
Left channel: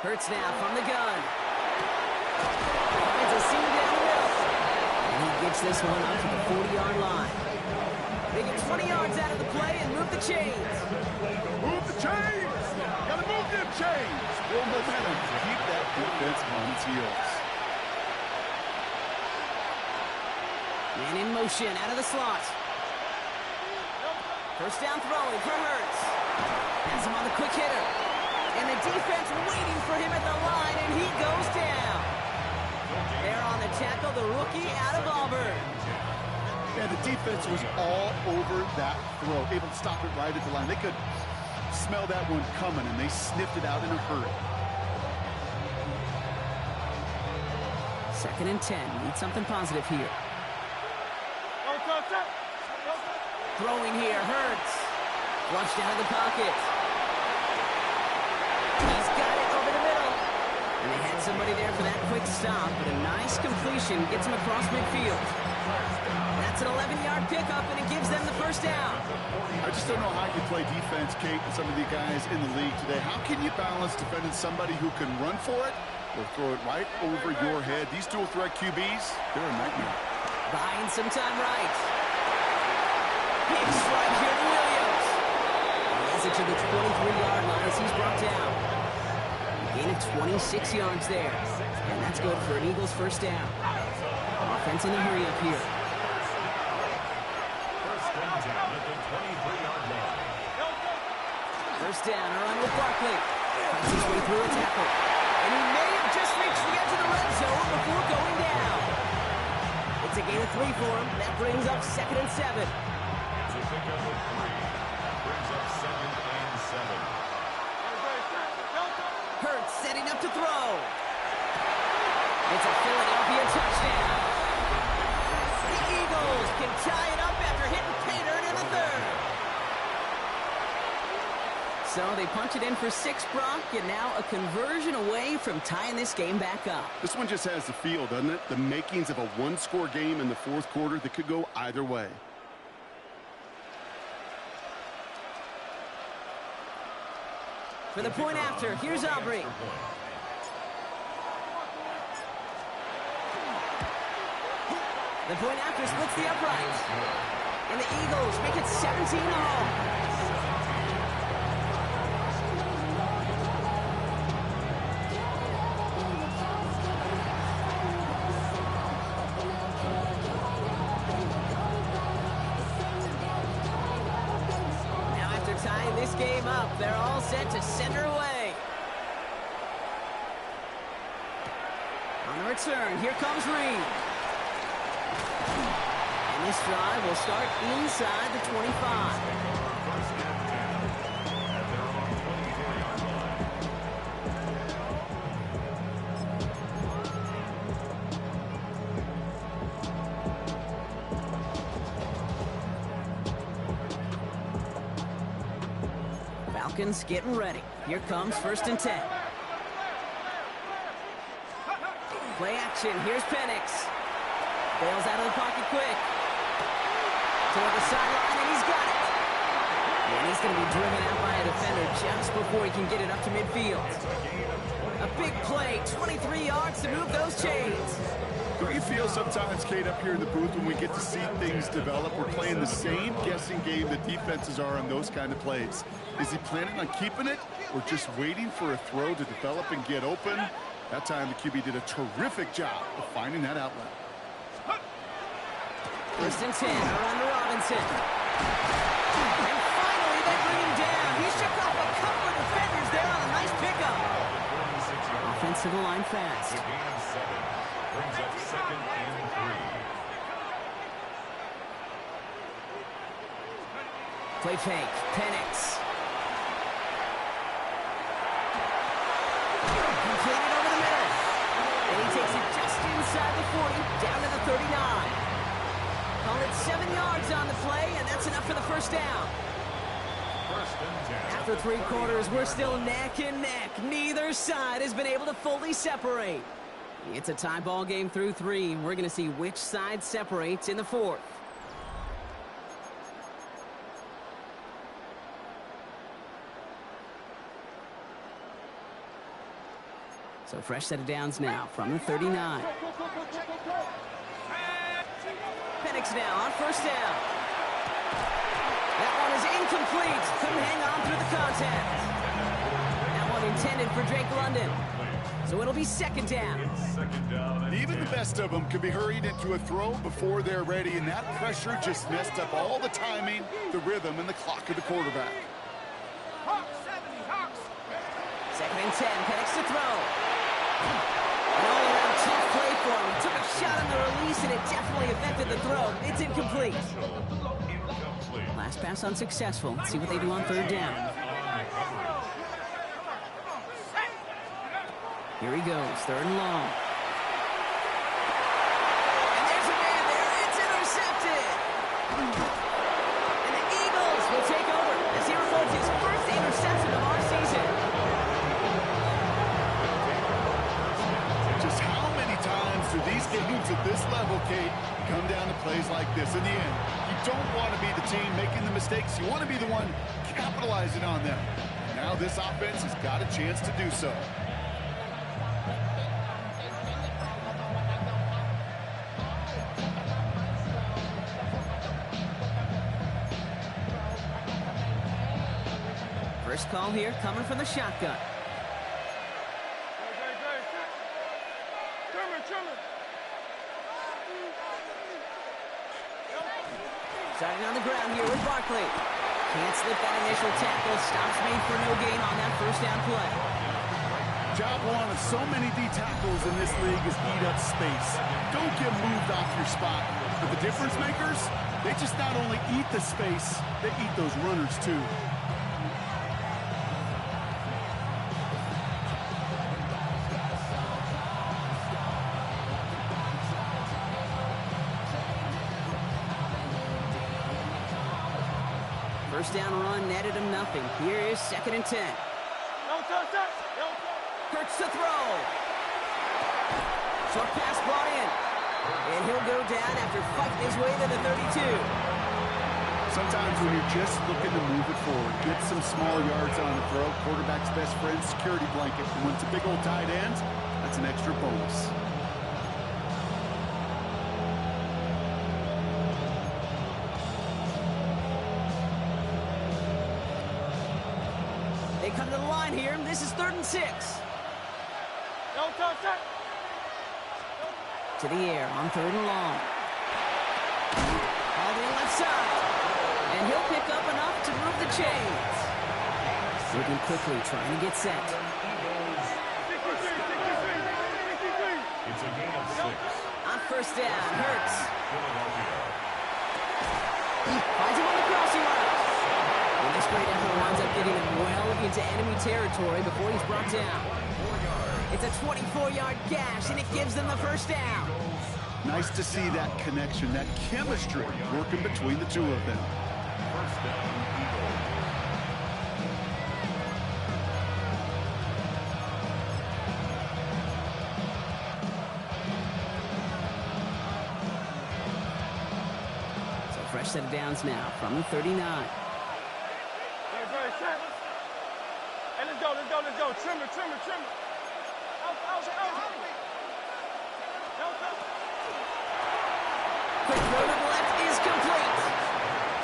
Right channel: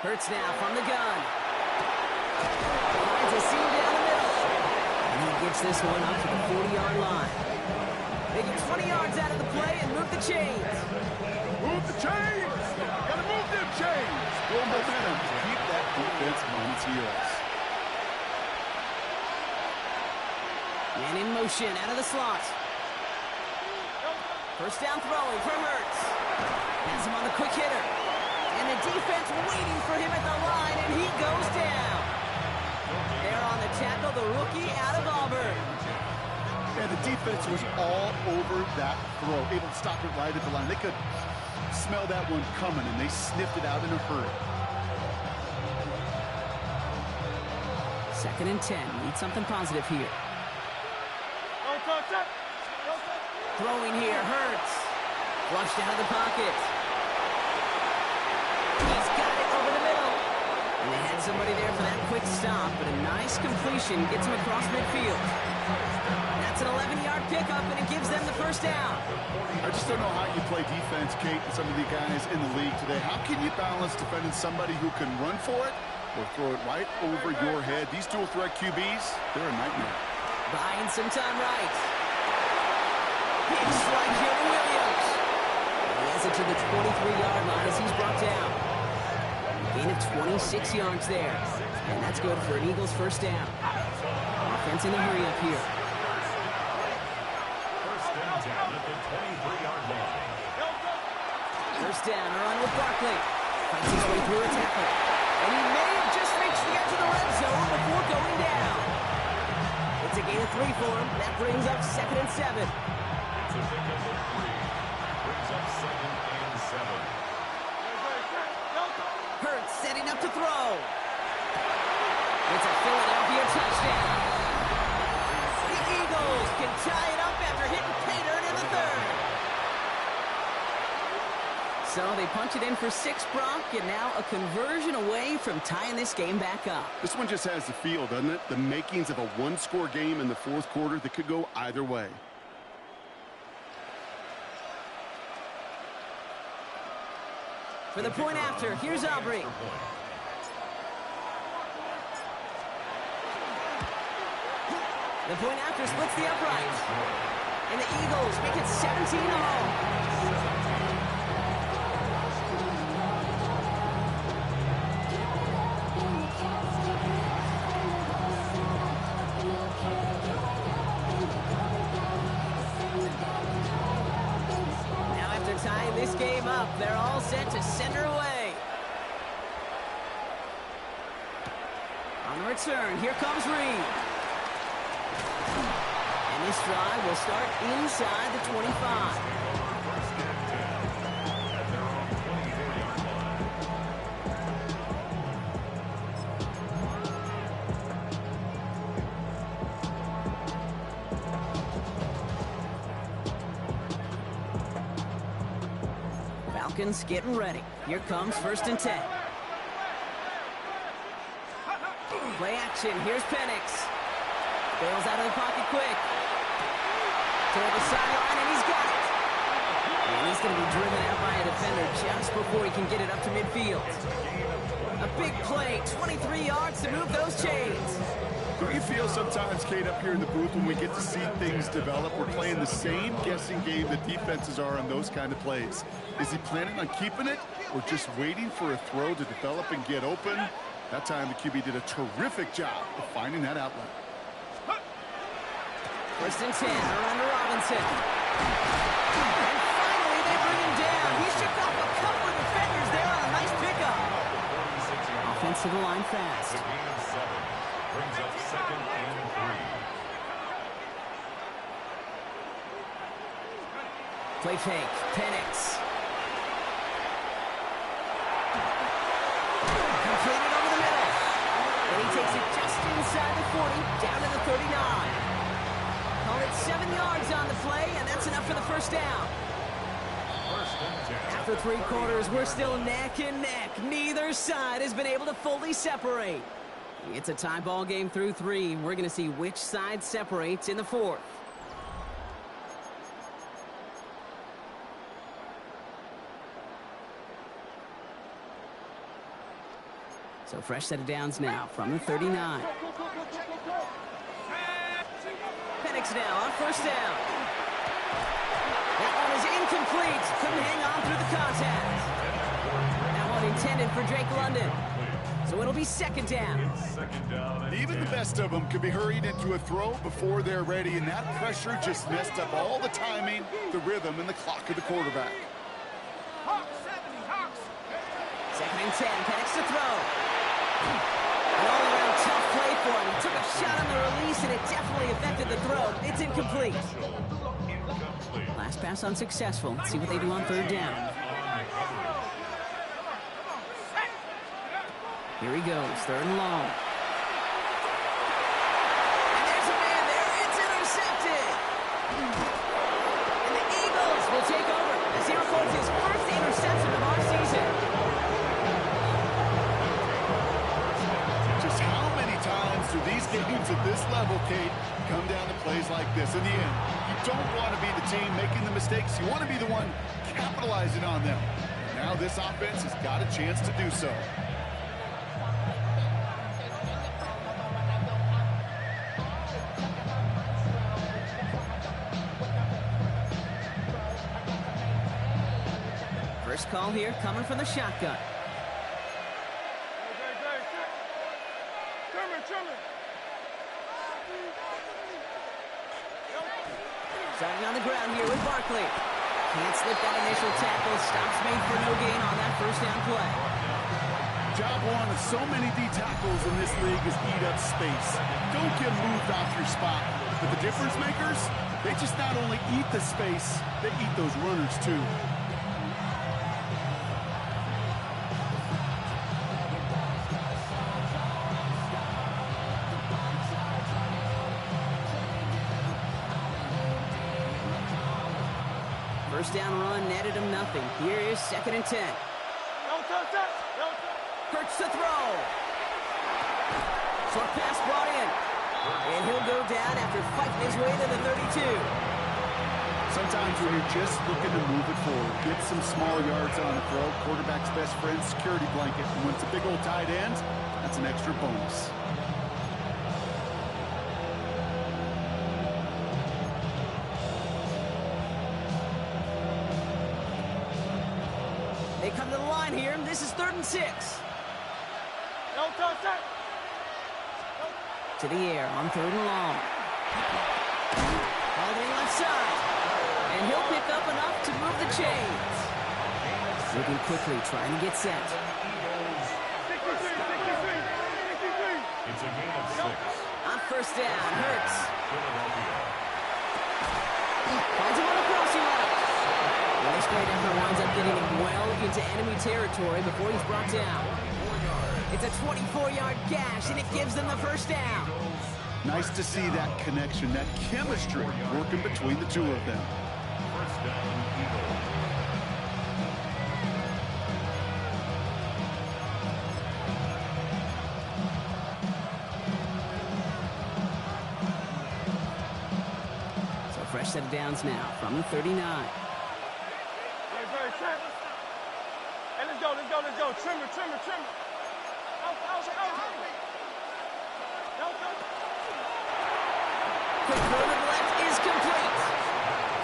Hurts now from the gun. Finds a seam down the middle. And he gets this one up to the 40-yard line. They get 20 yards out of the play and move the chains. Move the chains! Gotta move them chains! Build momentum to keep that defense on its heels. Man in motion out of the slot. 1st down throwing for Hurts. Has him on the quick hitter. And the defense waiting for him at the line, and he goes down. There on the tackle, the rookie out of Auburn. And the defense was all over that throw, able to stop it right at the line. They could smell that one coming, and they sniffed it out in a hurry. 2nd and 10. Need something positive here. Throwing here, Hurts. Flushed out of the pocket. He's got it over the middle. And they had somebody there for that quick stop, but a nice completion gets him across midfield. That's an 11-yard pickup, and it gives them the 1st down. I just don't know how you play defense, Kate, and some of the guys in the league today. How can you balance defending somebody who can run for it or throw it right over your head? These dual-threat QBs, they're a nightmare. Buying some time right. Big strike here to Williams. He has it to the 23-yard line as he's brought down. A gain of 26 yards there. And that's good for an Eagles 1st down. Offense in a hurry up here. 1st and 10 at the 23-yard line. 1st down, a run with Barkley. Fights his way through a tackle. And he may have just reached the edge of the red zone before going down. It's a gain of 3 for him. That brings up 2nd and 7. It's a pickup of 3. Brings up 2nd and 7. Hurts setting up to throw. It's a Philadelphia touchdown. The Eagles can tie it up after hitting pay dirt in the 3rd. So they punch it in for 6, Brock, and now a conversion away from tying this game back up. This one just has the feel, doesn't it? The makings of a one-score game in the 4th quarter that could go either way. For the point after, here's Aubrey. The point after splits the uprights. And the Eagles make it 17-0. tying this game up. They're all set to send her away. On the return, here comes Reed. And this drive will start inside the 25. First and 10 at their own 24-yard line. Falcons getting ready. Here comes first and 10. Play action. Here's Penix. Bails out of the pocket quick. Toward the sideline, and he's got it. And he's going to be driven out by a defender just before he can get it up to midfield. A big play, 23 yards to move those chains. Don't you feel sometimes, Kate, up here in the booth when we get to see things develop, we're playing the same guessing game that defenses are on those kind of plays? Is he planning on keeping it or just waiting for a throw to develop and get open? That time the QB did a terrific job of finding that outlet. First and 10, around to Robinson. And finally they bring him down. He shook off a couple of defenders there on a nice pickup. Offensive line fast. The gain of 7 brings up second and 3. Play fake, Penix. Completed over the middle. And he takes it just inside the 40, down to the 39. Call it 7 yards on the play, and that's enough for the first down. First and 10. After 3 quarters, we're still neck and neck. Neither side has been able to fully separate. It's a tie ball game through 3. We're going to see which side separates in the 4th. So fresh set of downs now from the 39. Penix now on first down. That one is incomplete. Couldn't hang on through the contact. That one intended for Drake London. So it'll be second down. Second down and Even the 10. best of them could be hurried into a throw before they're ready, and that pressure just messed up all the timing, the rhythm, and the clock of the quarterback. Second and 10. Penix to throw. An all-around tough play for him. He took a shot on the release, and it definitely affected the throw. It's incomplete. Incomplete. Last pass unsuccessful. Let's see what they do on third down. Here he goes, third and long. And there's a man there. It's intercepted. And the Eagles will take over as he records his first interception of our season. Just how many times do these games at this level, Kate, come down to plays like this? In the end, you don't want to be the team making the mistakes. You want to be the one capitalizing on them. Now this offense has got a chance to do so. First call here coming from the shotgun. Starting on the ground here with Barkley. Can't slip that initial tackle. Stops made for no gain on that first down play. Job one of so many D tackles in this league is eat up space. Don't get moved off your spot. But the difference makers, they just not only eat the space, they eat those runners too. First down run netted him nothing. Here is second and 10. Hurts to throw. Short pass brought in. And he'll go down after fighting his way to the 32. Sometimes when you're just looking to move it forward, get some small yards on the throw, quarterback's best friend, security blanket. And when it's a big old tight end, that's an extra bonus. They come to the line here. This is 3rd and 6. To the air on 3rd and long. Hauled in left side. And he'll pick up enough to move the chains. Moving quickly, trying to get set. It's a gain of 6. On first down, Hurts. Philadelphia. Finds him on the crossing route. The next great effort winds up getting him well into enemy territory before he's brought down. It's a 24-yard gash, and it gives them the first down. Nice to see that connection, that chemistry working between the two of them. First down, Eagles. So fresh set of downs now from the 39. Hey, let's go. Trim it. Out. Quick throw to the left is complete.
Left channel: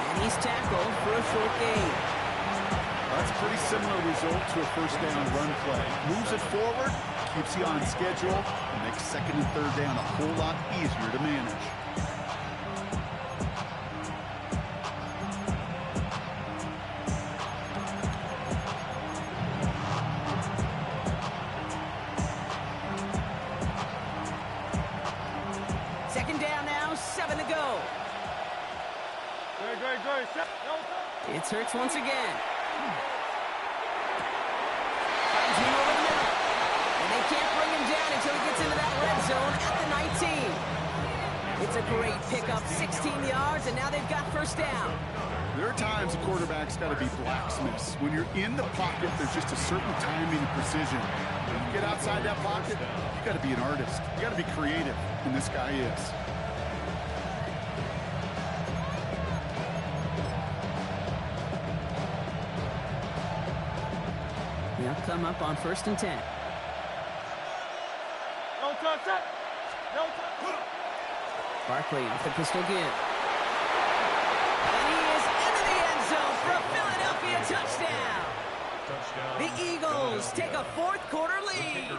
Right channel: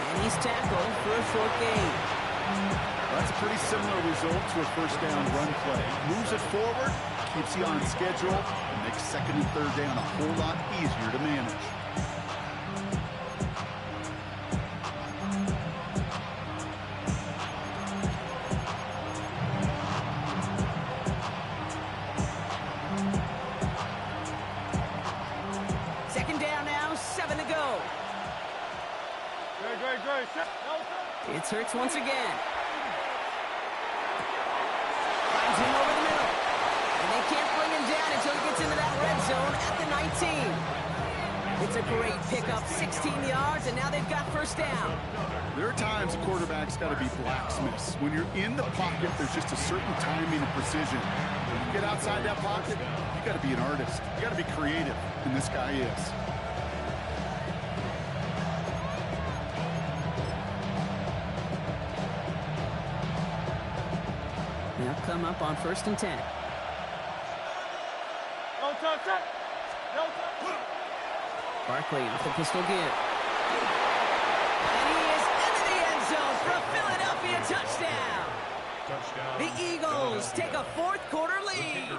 And he's tackled for a short gain. That's a pretty similar result to a first down run play. Moves it forward, keeps you on schedule, and makes second and third down a whole lot easier to manage. Second down now, 7 to go. Great. It's Hurts once again. Finds him over the middle. And they can't bring him down until he gets into that red zone at the 19. It's a great pickup, 16 yards, and now they've got first down. There are times a quarterback's got to be blacksmiths. When you're in the pocket, there's just a certain timing and precision. When you get outside that pocket, you got to be an artist. You got to be creative, and this guy is. They'll come up on first and 10. No touch. Barkley off the pistol give. And he is into the end zone for a Philadelphia touchdown. The Eagles take a fourth quarter lead.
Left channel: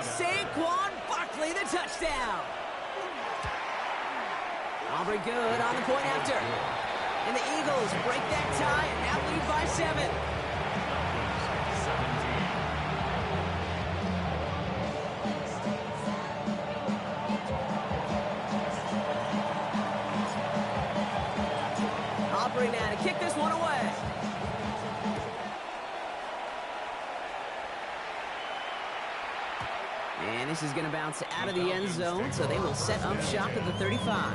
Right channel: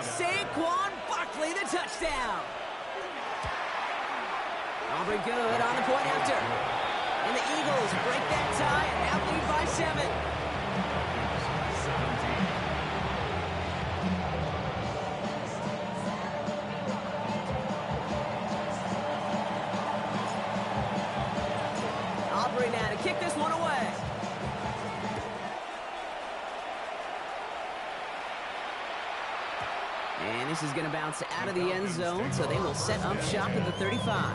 Saquon Barkley the touchdown. Aubrey good on the point after. And the Eagles break that tie and now lead by 7. 17. Aubrey now to kick this one away. And this is going to bounce out of the end zone, so they will set up shop at the 35.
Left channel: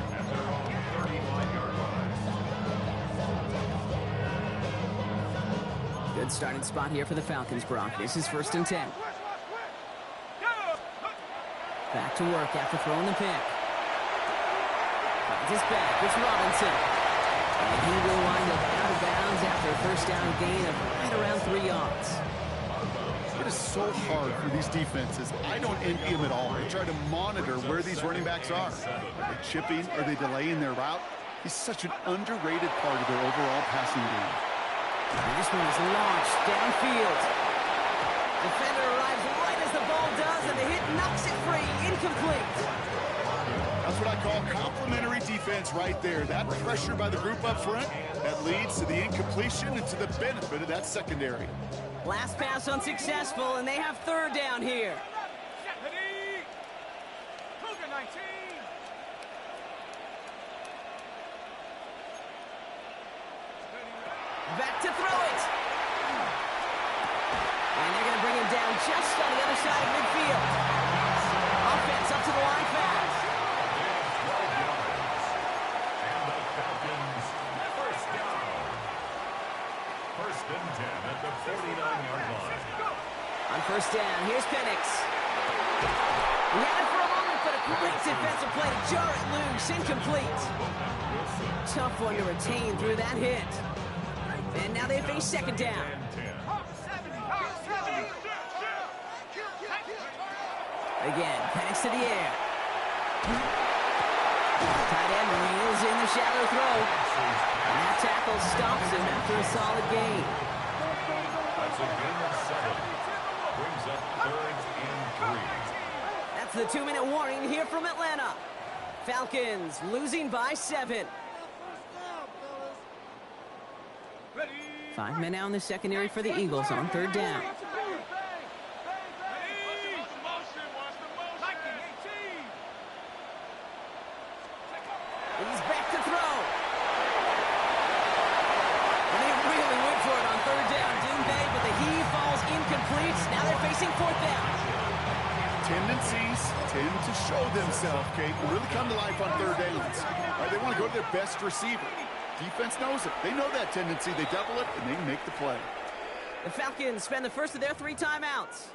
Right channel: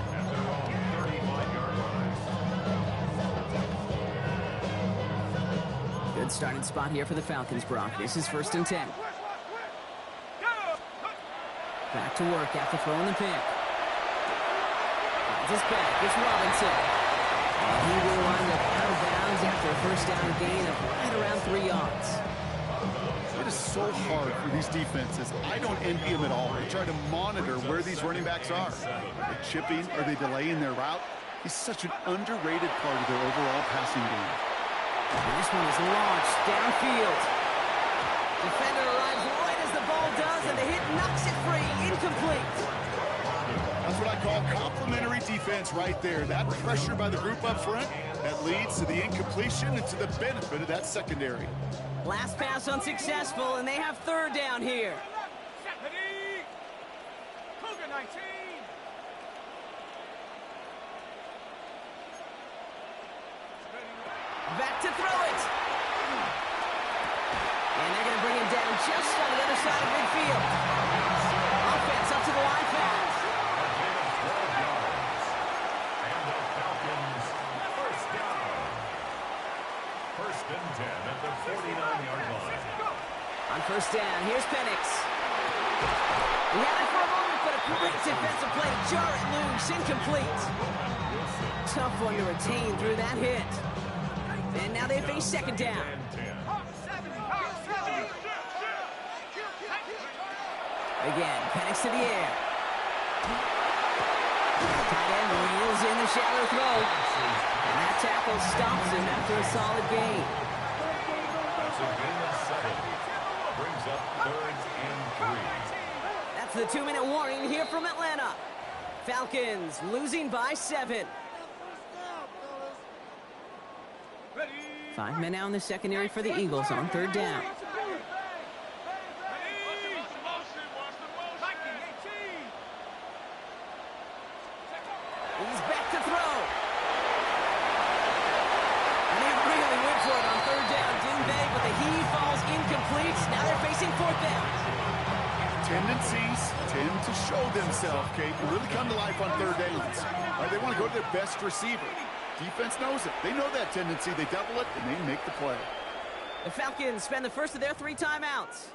Good starting spot here for the Falcons, Brock. This is first and 10. Back to work after throwing the pick. Finds his back. It's Robinson. And he will wind up out of bounds after a first down gain of right around 3 yards. It is so hard for these defenses. I don't envy them at all. They try to monitor where these running backs are. Are they chipping? Are they delaying their route? He's such an underrated part of their overall passing game. And this one is launched downfield. Defender arrives right as the ball does, and the hit knocks it free. Incomplete. That's what I call complimentary defense right there. That pressure by the group up front, that leads to the incompletion and to the benefit of that secondary. Last pass unsuccessful, and they have third down here. Cougar 19. Back to throw it. And they're going to bring him down just on the other side of midfield. Offense up to the line fast. A gain of 12 yards. And the Falcons, first down. First and 10 at the 49-yard line. On first down, here's Penix. He had it for a moment, but a great defensive play to jar it loose. Incomplete. Tough one to retain through that hit. And now they face second down. Again, Penix to the air. Tight end reels in the shallow throw. And that tackle stops him after a solid gain. That's a gain of 7. Brings up third and 3. That's the 2-minute warning here from Atlanta. Falcons losing by 7. Ready. 5 men out in the secondary for the Eagles on 3rd down. He's back to throw. And they really went for it on 3rd down, didn't they? But the heave falls incomplete. Now they're facing 4th down. Tendencies tend to show themselves, Kate, and really come to life on 3rd downs. Right, they want to go to their best receiver. Defense knows it. They know that tendency. They double it, and they make the play. The Falcons spend the first of their 3 timeouts.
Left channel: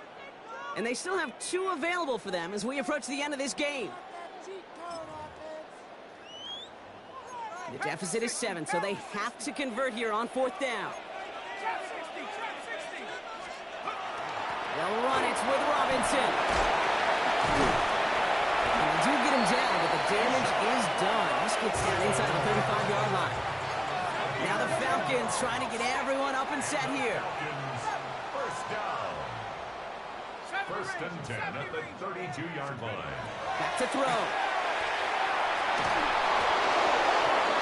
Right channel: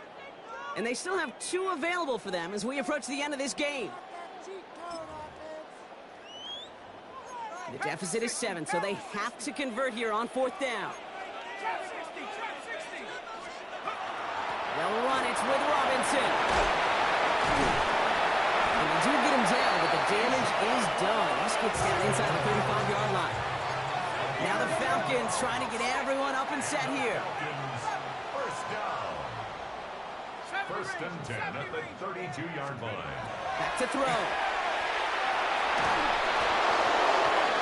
And they still have 2 available for them as we approach the end of this game. The deficit is 7, so they have to convert here on 4th down. They'll run. It's with Robinson. And they do get him down, but the damage is done. This gets down inside the 35-yard line. Now the Falcons trying to get everyone up and set here. First down. 1st and 10 at the 32-yard line. Back to throw.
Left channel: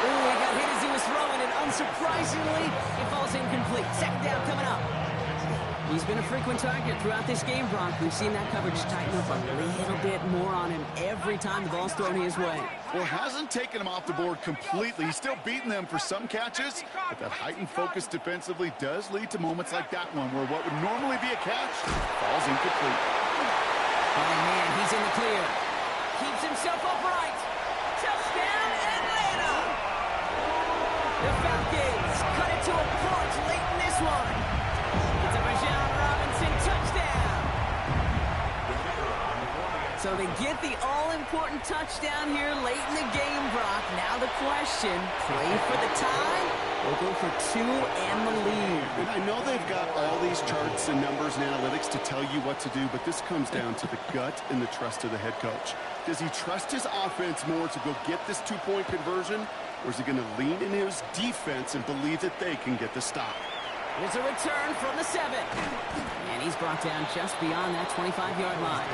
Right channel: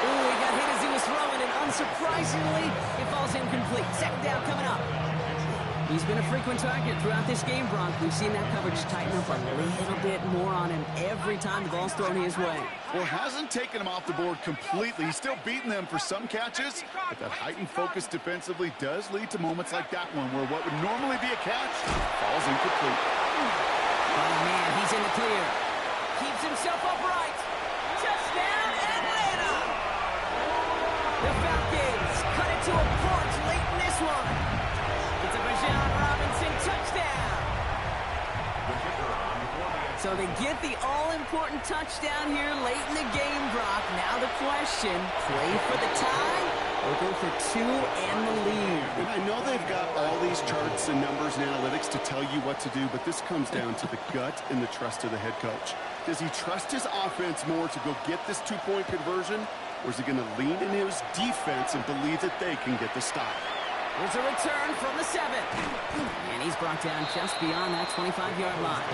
Ooh, he got hit as he was throwing, and unsurprisingly, it falls incomplete. 2nd down coming up. He's been a frequent target throughout this game, Bronk. We've seen that coverage tighten up a little bit more on him every time the ball's thrown his way. Well, hasn't taken him off the board completely. He's still beating them for some catches, but that heightened focus defensively does lead to moments like that one where what would normally be a catch falls incomplete. Oh, man, he's in the clear. Keeps himself upright. Touchdown, Atlanta! The Falcons cut it to a punch late in this one. It's a Bijan Robinson touchdown. So they get the all-important touchdown here late in the game, Brock. Now the question, play for the tie or go for 2 and the lead? And I know they've got all these charts and numbers and analytics to tell you what to do, but this comes down to the gut and the trust of the head coach. Does he trust his offense more to go get this 2-point conversion, or is he going to lean in his defense and believe that they can get the stop? Here's a return from the 7. And he's brought down just beyond that 25-yard line.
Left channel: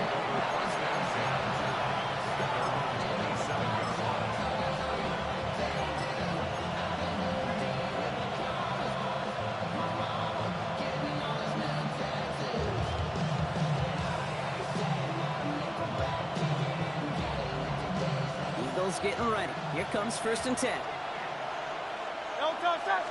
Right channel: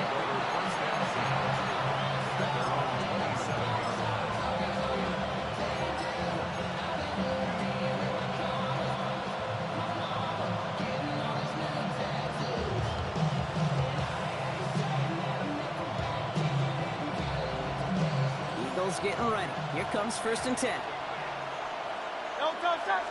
Eagles getting ready. Here comes 1st and 10. No touch.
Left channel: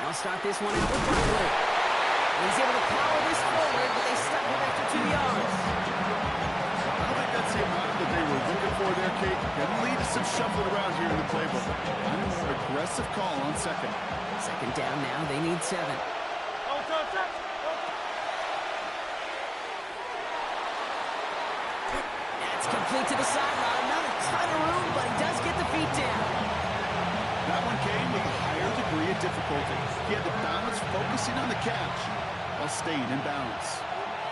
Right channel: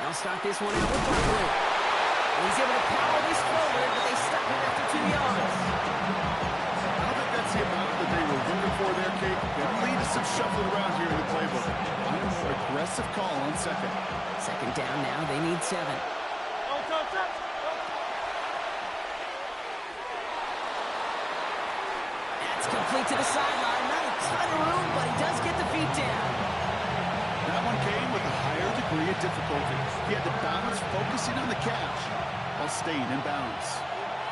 They'll start this one out with Bradley. And he's able to power this forward, but they stop him after 2 yards. I don't think that's the amount that they were looking for there, Kate. Can lead to some shuffling around here in the playbook. I'm a more aggressive call on 2nd. 2nd down now. They need 7. No touch. That's complete to the sideline. Not a ton of room, but he does get the feet down. That one came with a higher degree of difficulty. He had to balance focusing on the catch while staying in bounds.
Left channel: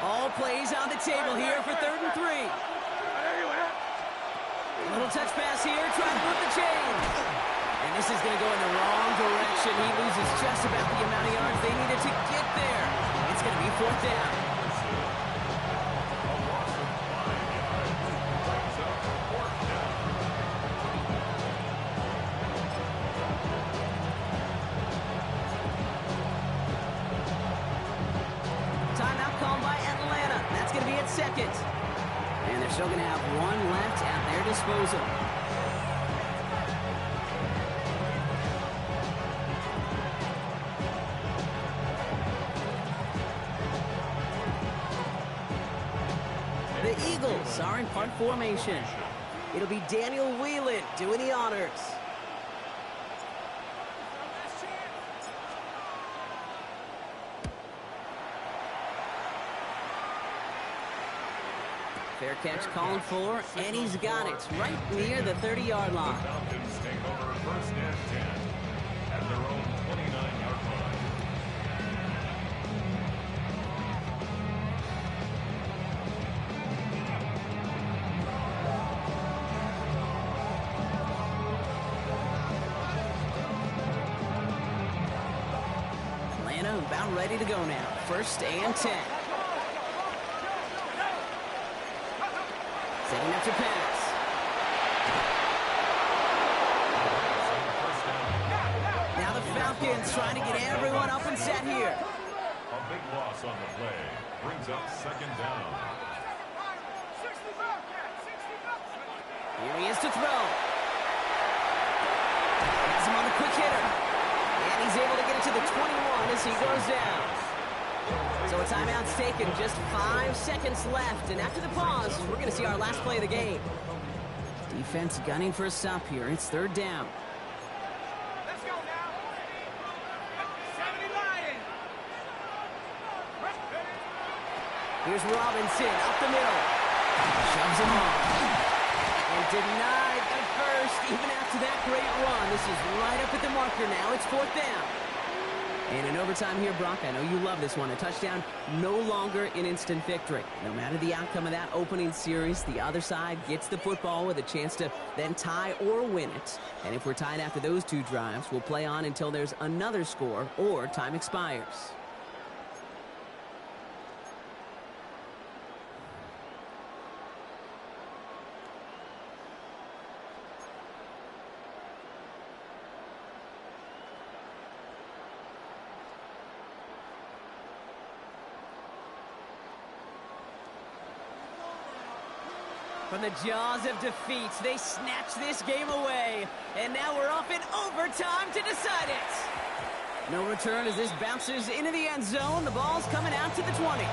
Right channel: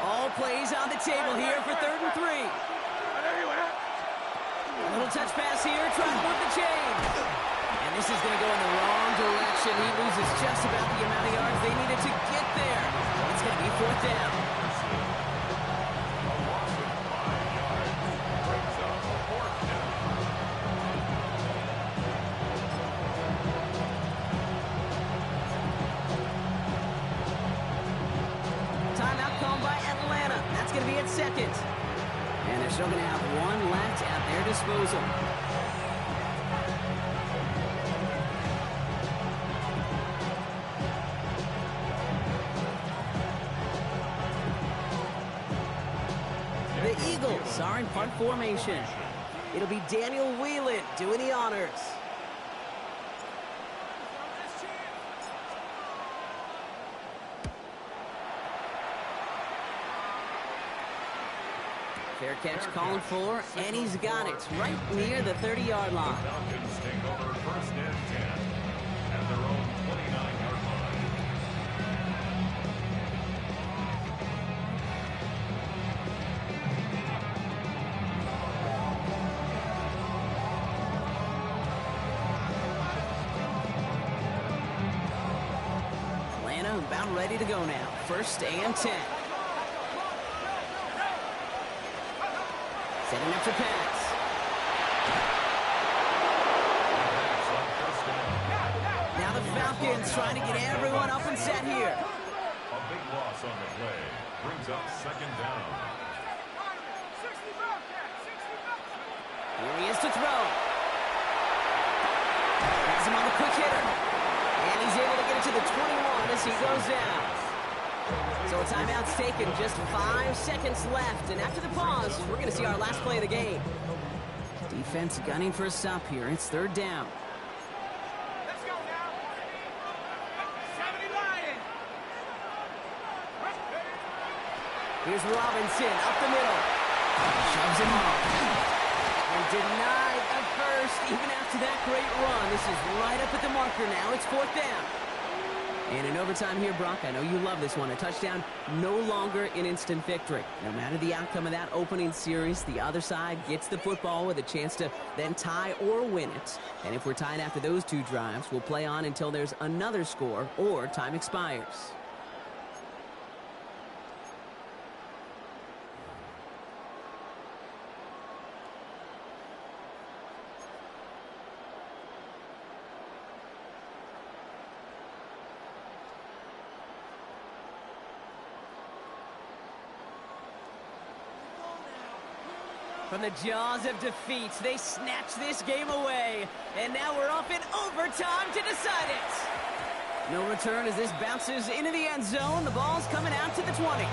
All plays on the table here for 3rd and 3. A little touch pass here, trying to move the chain. And this is going to go in the wrong direction. He loses just about the amount of yards they needed to get there. It's going to be 4th down. A loss of 5 yards brings up 4th down. Timeout called by Atlanta. That's going to be at 2nd. And they're still going to have 1 left at their disposal. The Eagles are in punt formation. It'll be Daniel Whelan doing the honors. Fair catch called for, and he's got it right near the 30-yard line. The Falcons take over 1st and 10 at their own 29-yard line. Atlanta about ready to go now. 1st and 10. Setting up to pass. Now the Falcons trying to get everyone up and set here. A big loss on the play. Brings up second down. Here he is to throw. Has him on the quick hitter. And he's able to get it to the 21 as he goes down. So a timeout's taken, just 5 seconds left. And after the pause, we're going to see our last play of the game. Defense gunning for a stop here. It's third down. Let's go now. 70 Lions. Here's Robinson up the middle. Shoves him off. And denied the first, even after that great run. This is right up at the marker now. It's fourth down. And in overtime here, Brock, I know you love this one. A touchdown, no longer an instant victory. No matter the outcome of that opening series, the other side gets the football with a chance to then tie or win it. And if we're tied after those two drives, we'll play on until there's another score or time expires. From the jaws of defeat, they snatch this game away. And now we're off in overtime to decide it. No return as this bounces into the end zone. The ball's coming out to the 20.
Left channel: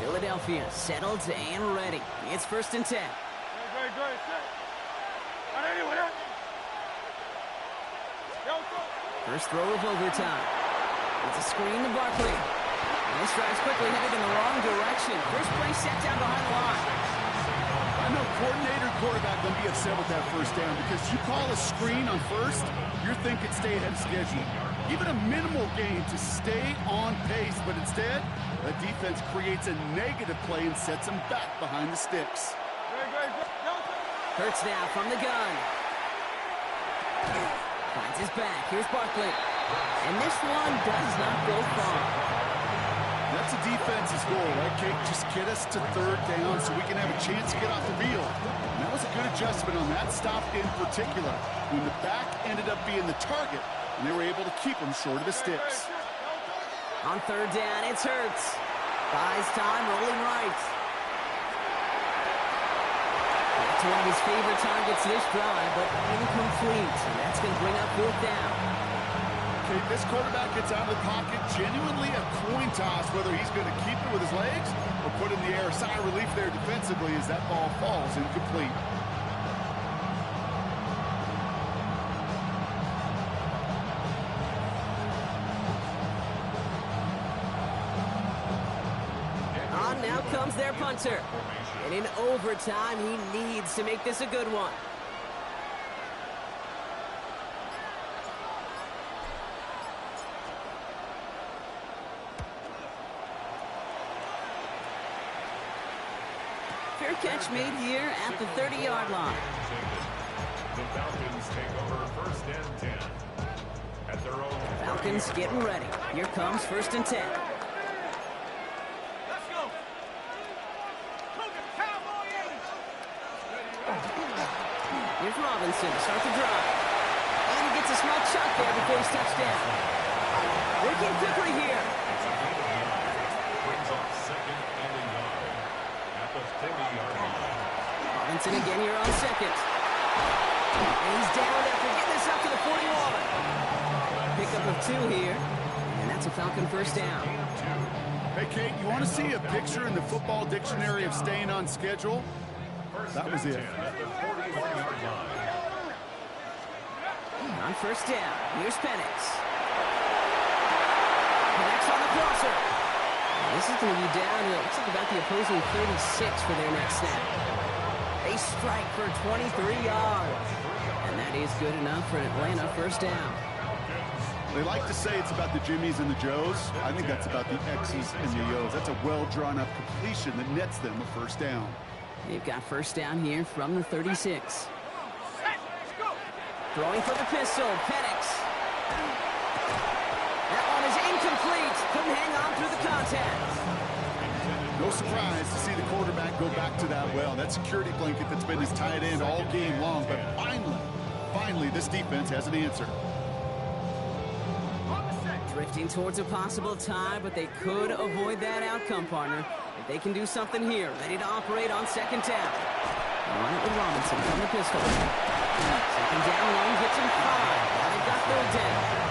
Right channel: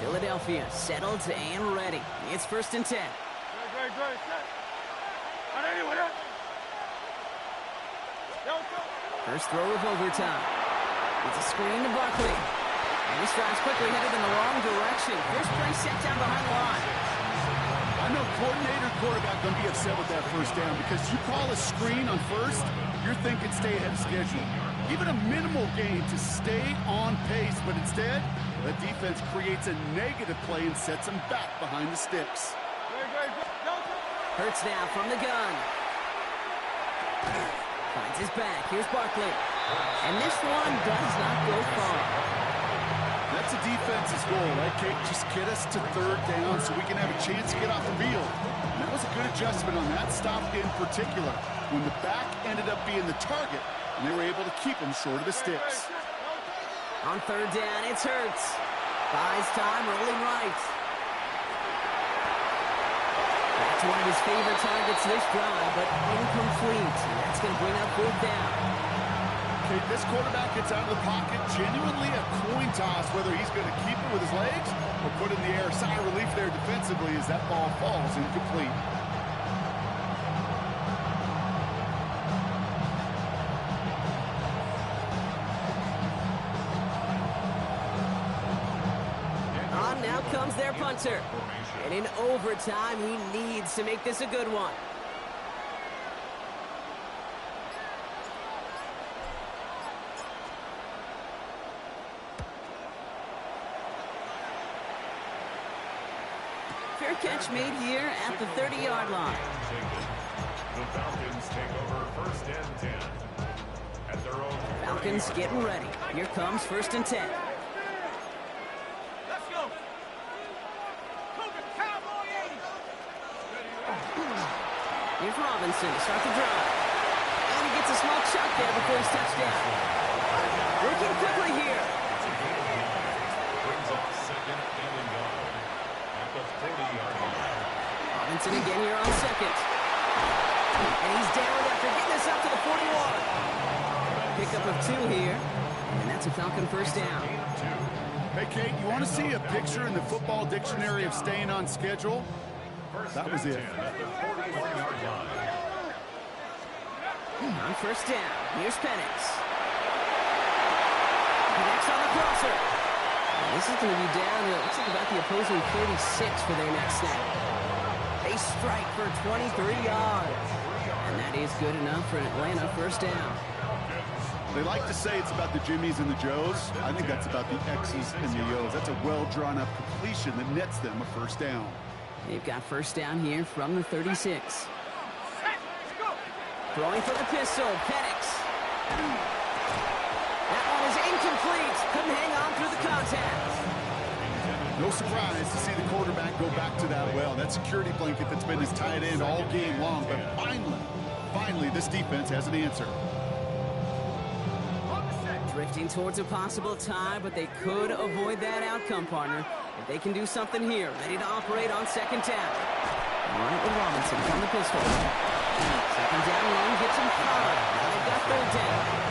Philadelphia settled and ready. It's first and 10. Great, set. First throw of overtime. It's a screen to Barkley. And this drive's quickly headed in the wrong direction. First play set down behind the line. I know coordinator quarterback going to be upset with that first down because you call a screen on first, you're thinking stay ahead of schedule. Even a minimal gain to stay on pace, but instead, the defense creates a negative play and sets them back behind the sticks. Hurts now from the gun. Finds his back. Here's Barkley. And this one does not go far. That's a defense's goal, right, Kate? Just get us to third down so we can have a chance to get off the field. And that was a good adjustment on that stop in particular, when the back ended up being the target, and they were able to keep him short of the sticks. On third down, it's Hurts. Buys time, rolling right. Back to one of his favorite targets this drive, but incomplete. And that's going to bring up fourth down. Okay, this quarterback gets out of the pocket, genuinely a coin toss, whether he's going to keep it with his legs or put it in the air. Sigh of relief there defensively as that ball falls incomplete. Now comes their punter. And in overtime, he needs to make this a good one. Fair catch made here at the 30-yard line. The Falcons take over first and 10. At their own Falcons getting ready. Here comes first and 10. Here's Robinson to start the drive. And he gets a small chuck there before he's touched down. Working quickly here. brings up second and a yard at the 40-yard line. Robinson again here on second. And he's down after getting this up to the 41. Pickup of 2 here. And that's a Falcon first down. Hey, Kate, you want to see a picture in the football dictionary of staying on schedule? That was it. At the 41-yard line. On first down, here's Penix. Penix on the crosser. And this is going to be down to, it looks like about the opposing 36 for their next snap. They strike for 23 yards. And that is good enough for an Atlanta first down. They like to say it's about the Jimmies and the Joes. I think that's about the X's and the O's. That's a well-drawn-up completion that nets them a first down. They've got first down here from the 36. Throwing for the pistol, Penix. complete. Couldn't hang on through the contact. No surprise to see the quarterback go back to that well. That security blanket that's been his tight end all game long. But finally, this defense has an answer. Drifting towards a possible tie, but they could avoid that outcome, partner. If they can do something here, ready to operate on second down. All right, with Robinson from the pistol. Second down run gets him 5. Now they've got third down.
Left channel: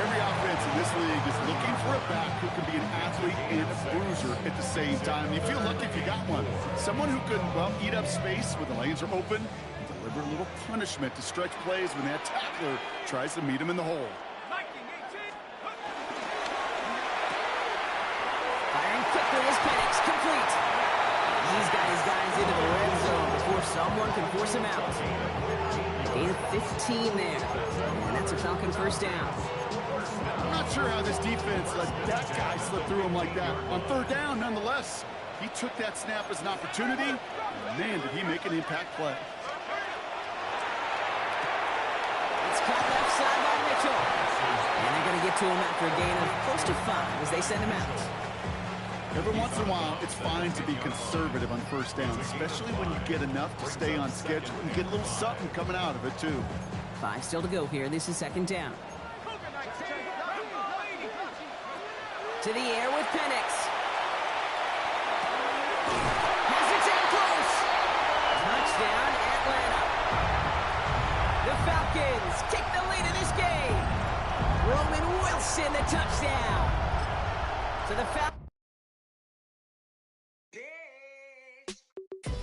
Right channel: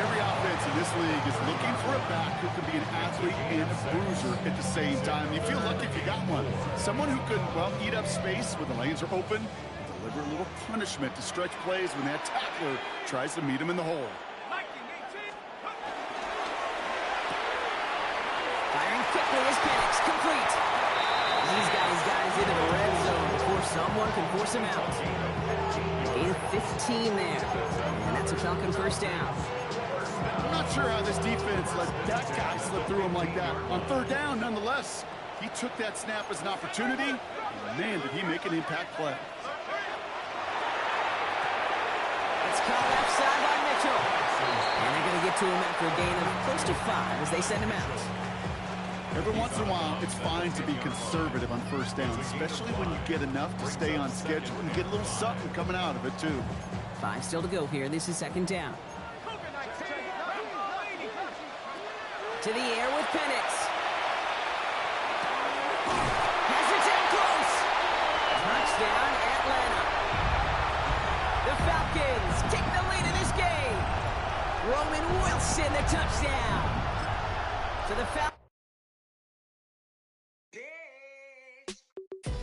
Every offense in this league is looking for a back who can be an athlete and a bruiser at the same time. You feel lucky if you got one. Someone who can, well, eat up space when the lanes are open and deliver a little punishment to stretch plays when that tackler tries to meet him in the hole. Firing quickly is Penix, complete. He's got his guys into the red zone before someone can force him out. Gain of 15 there, and that's a Falcon first down. I'm not sure how this defense let that guy slip through him like that. On third down, nonetheless, he took that snap as an opportunity, and man, did he make an impact play. It's caught left side by Mitchell. And they're going to get to him after a gain of close to 5 as they send him out. Every once in a while, it's fine to be conservative on first down, especially when you get enough to stay on schedule and get a little something coming out of it, too. 5 still to go here. This is second down. To the air with Penix. Has it in close. Touchdown, Atlanta. The Falcons take the lead in this game. Roman Wilson, the touchdown. So the Falcons.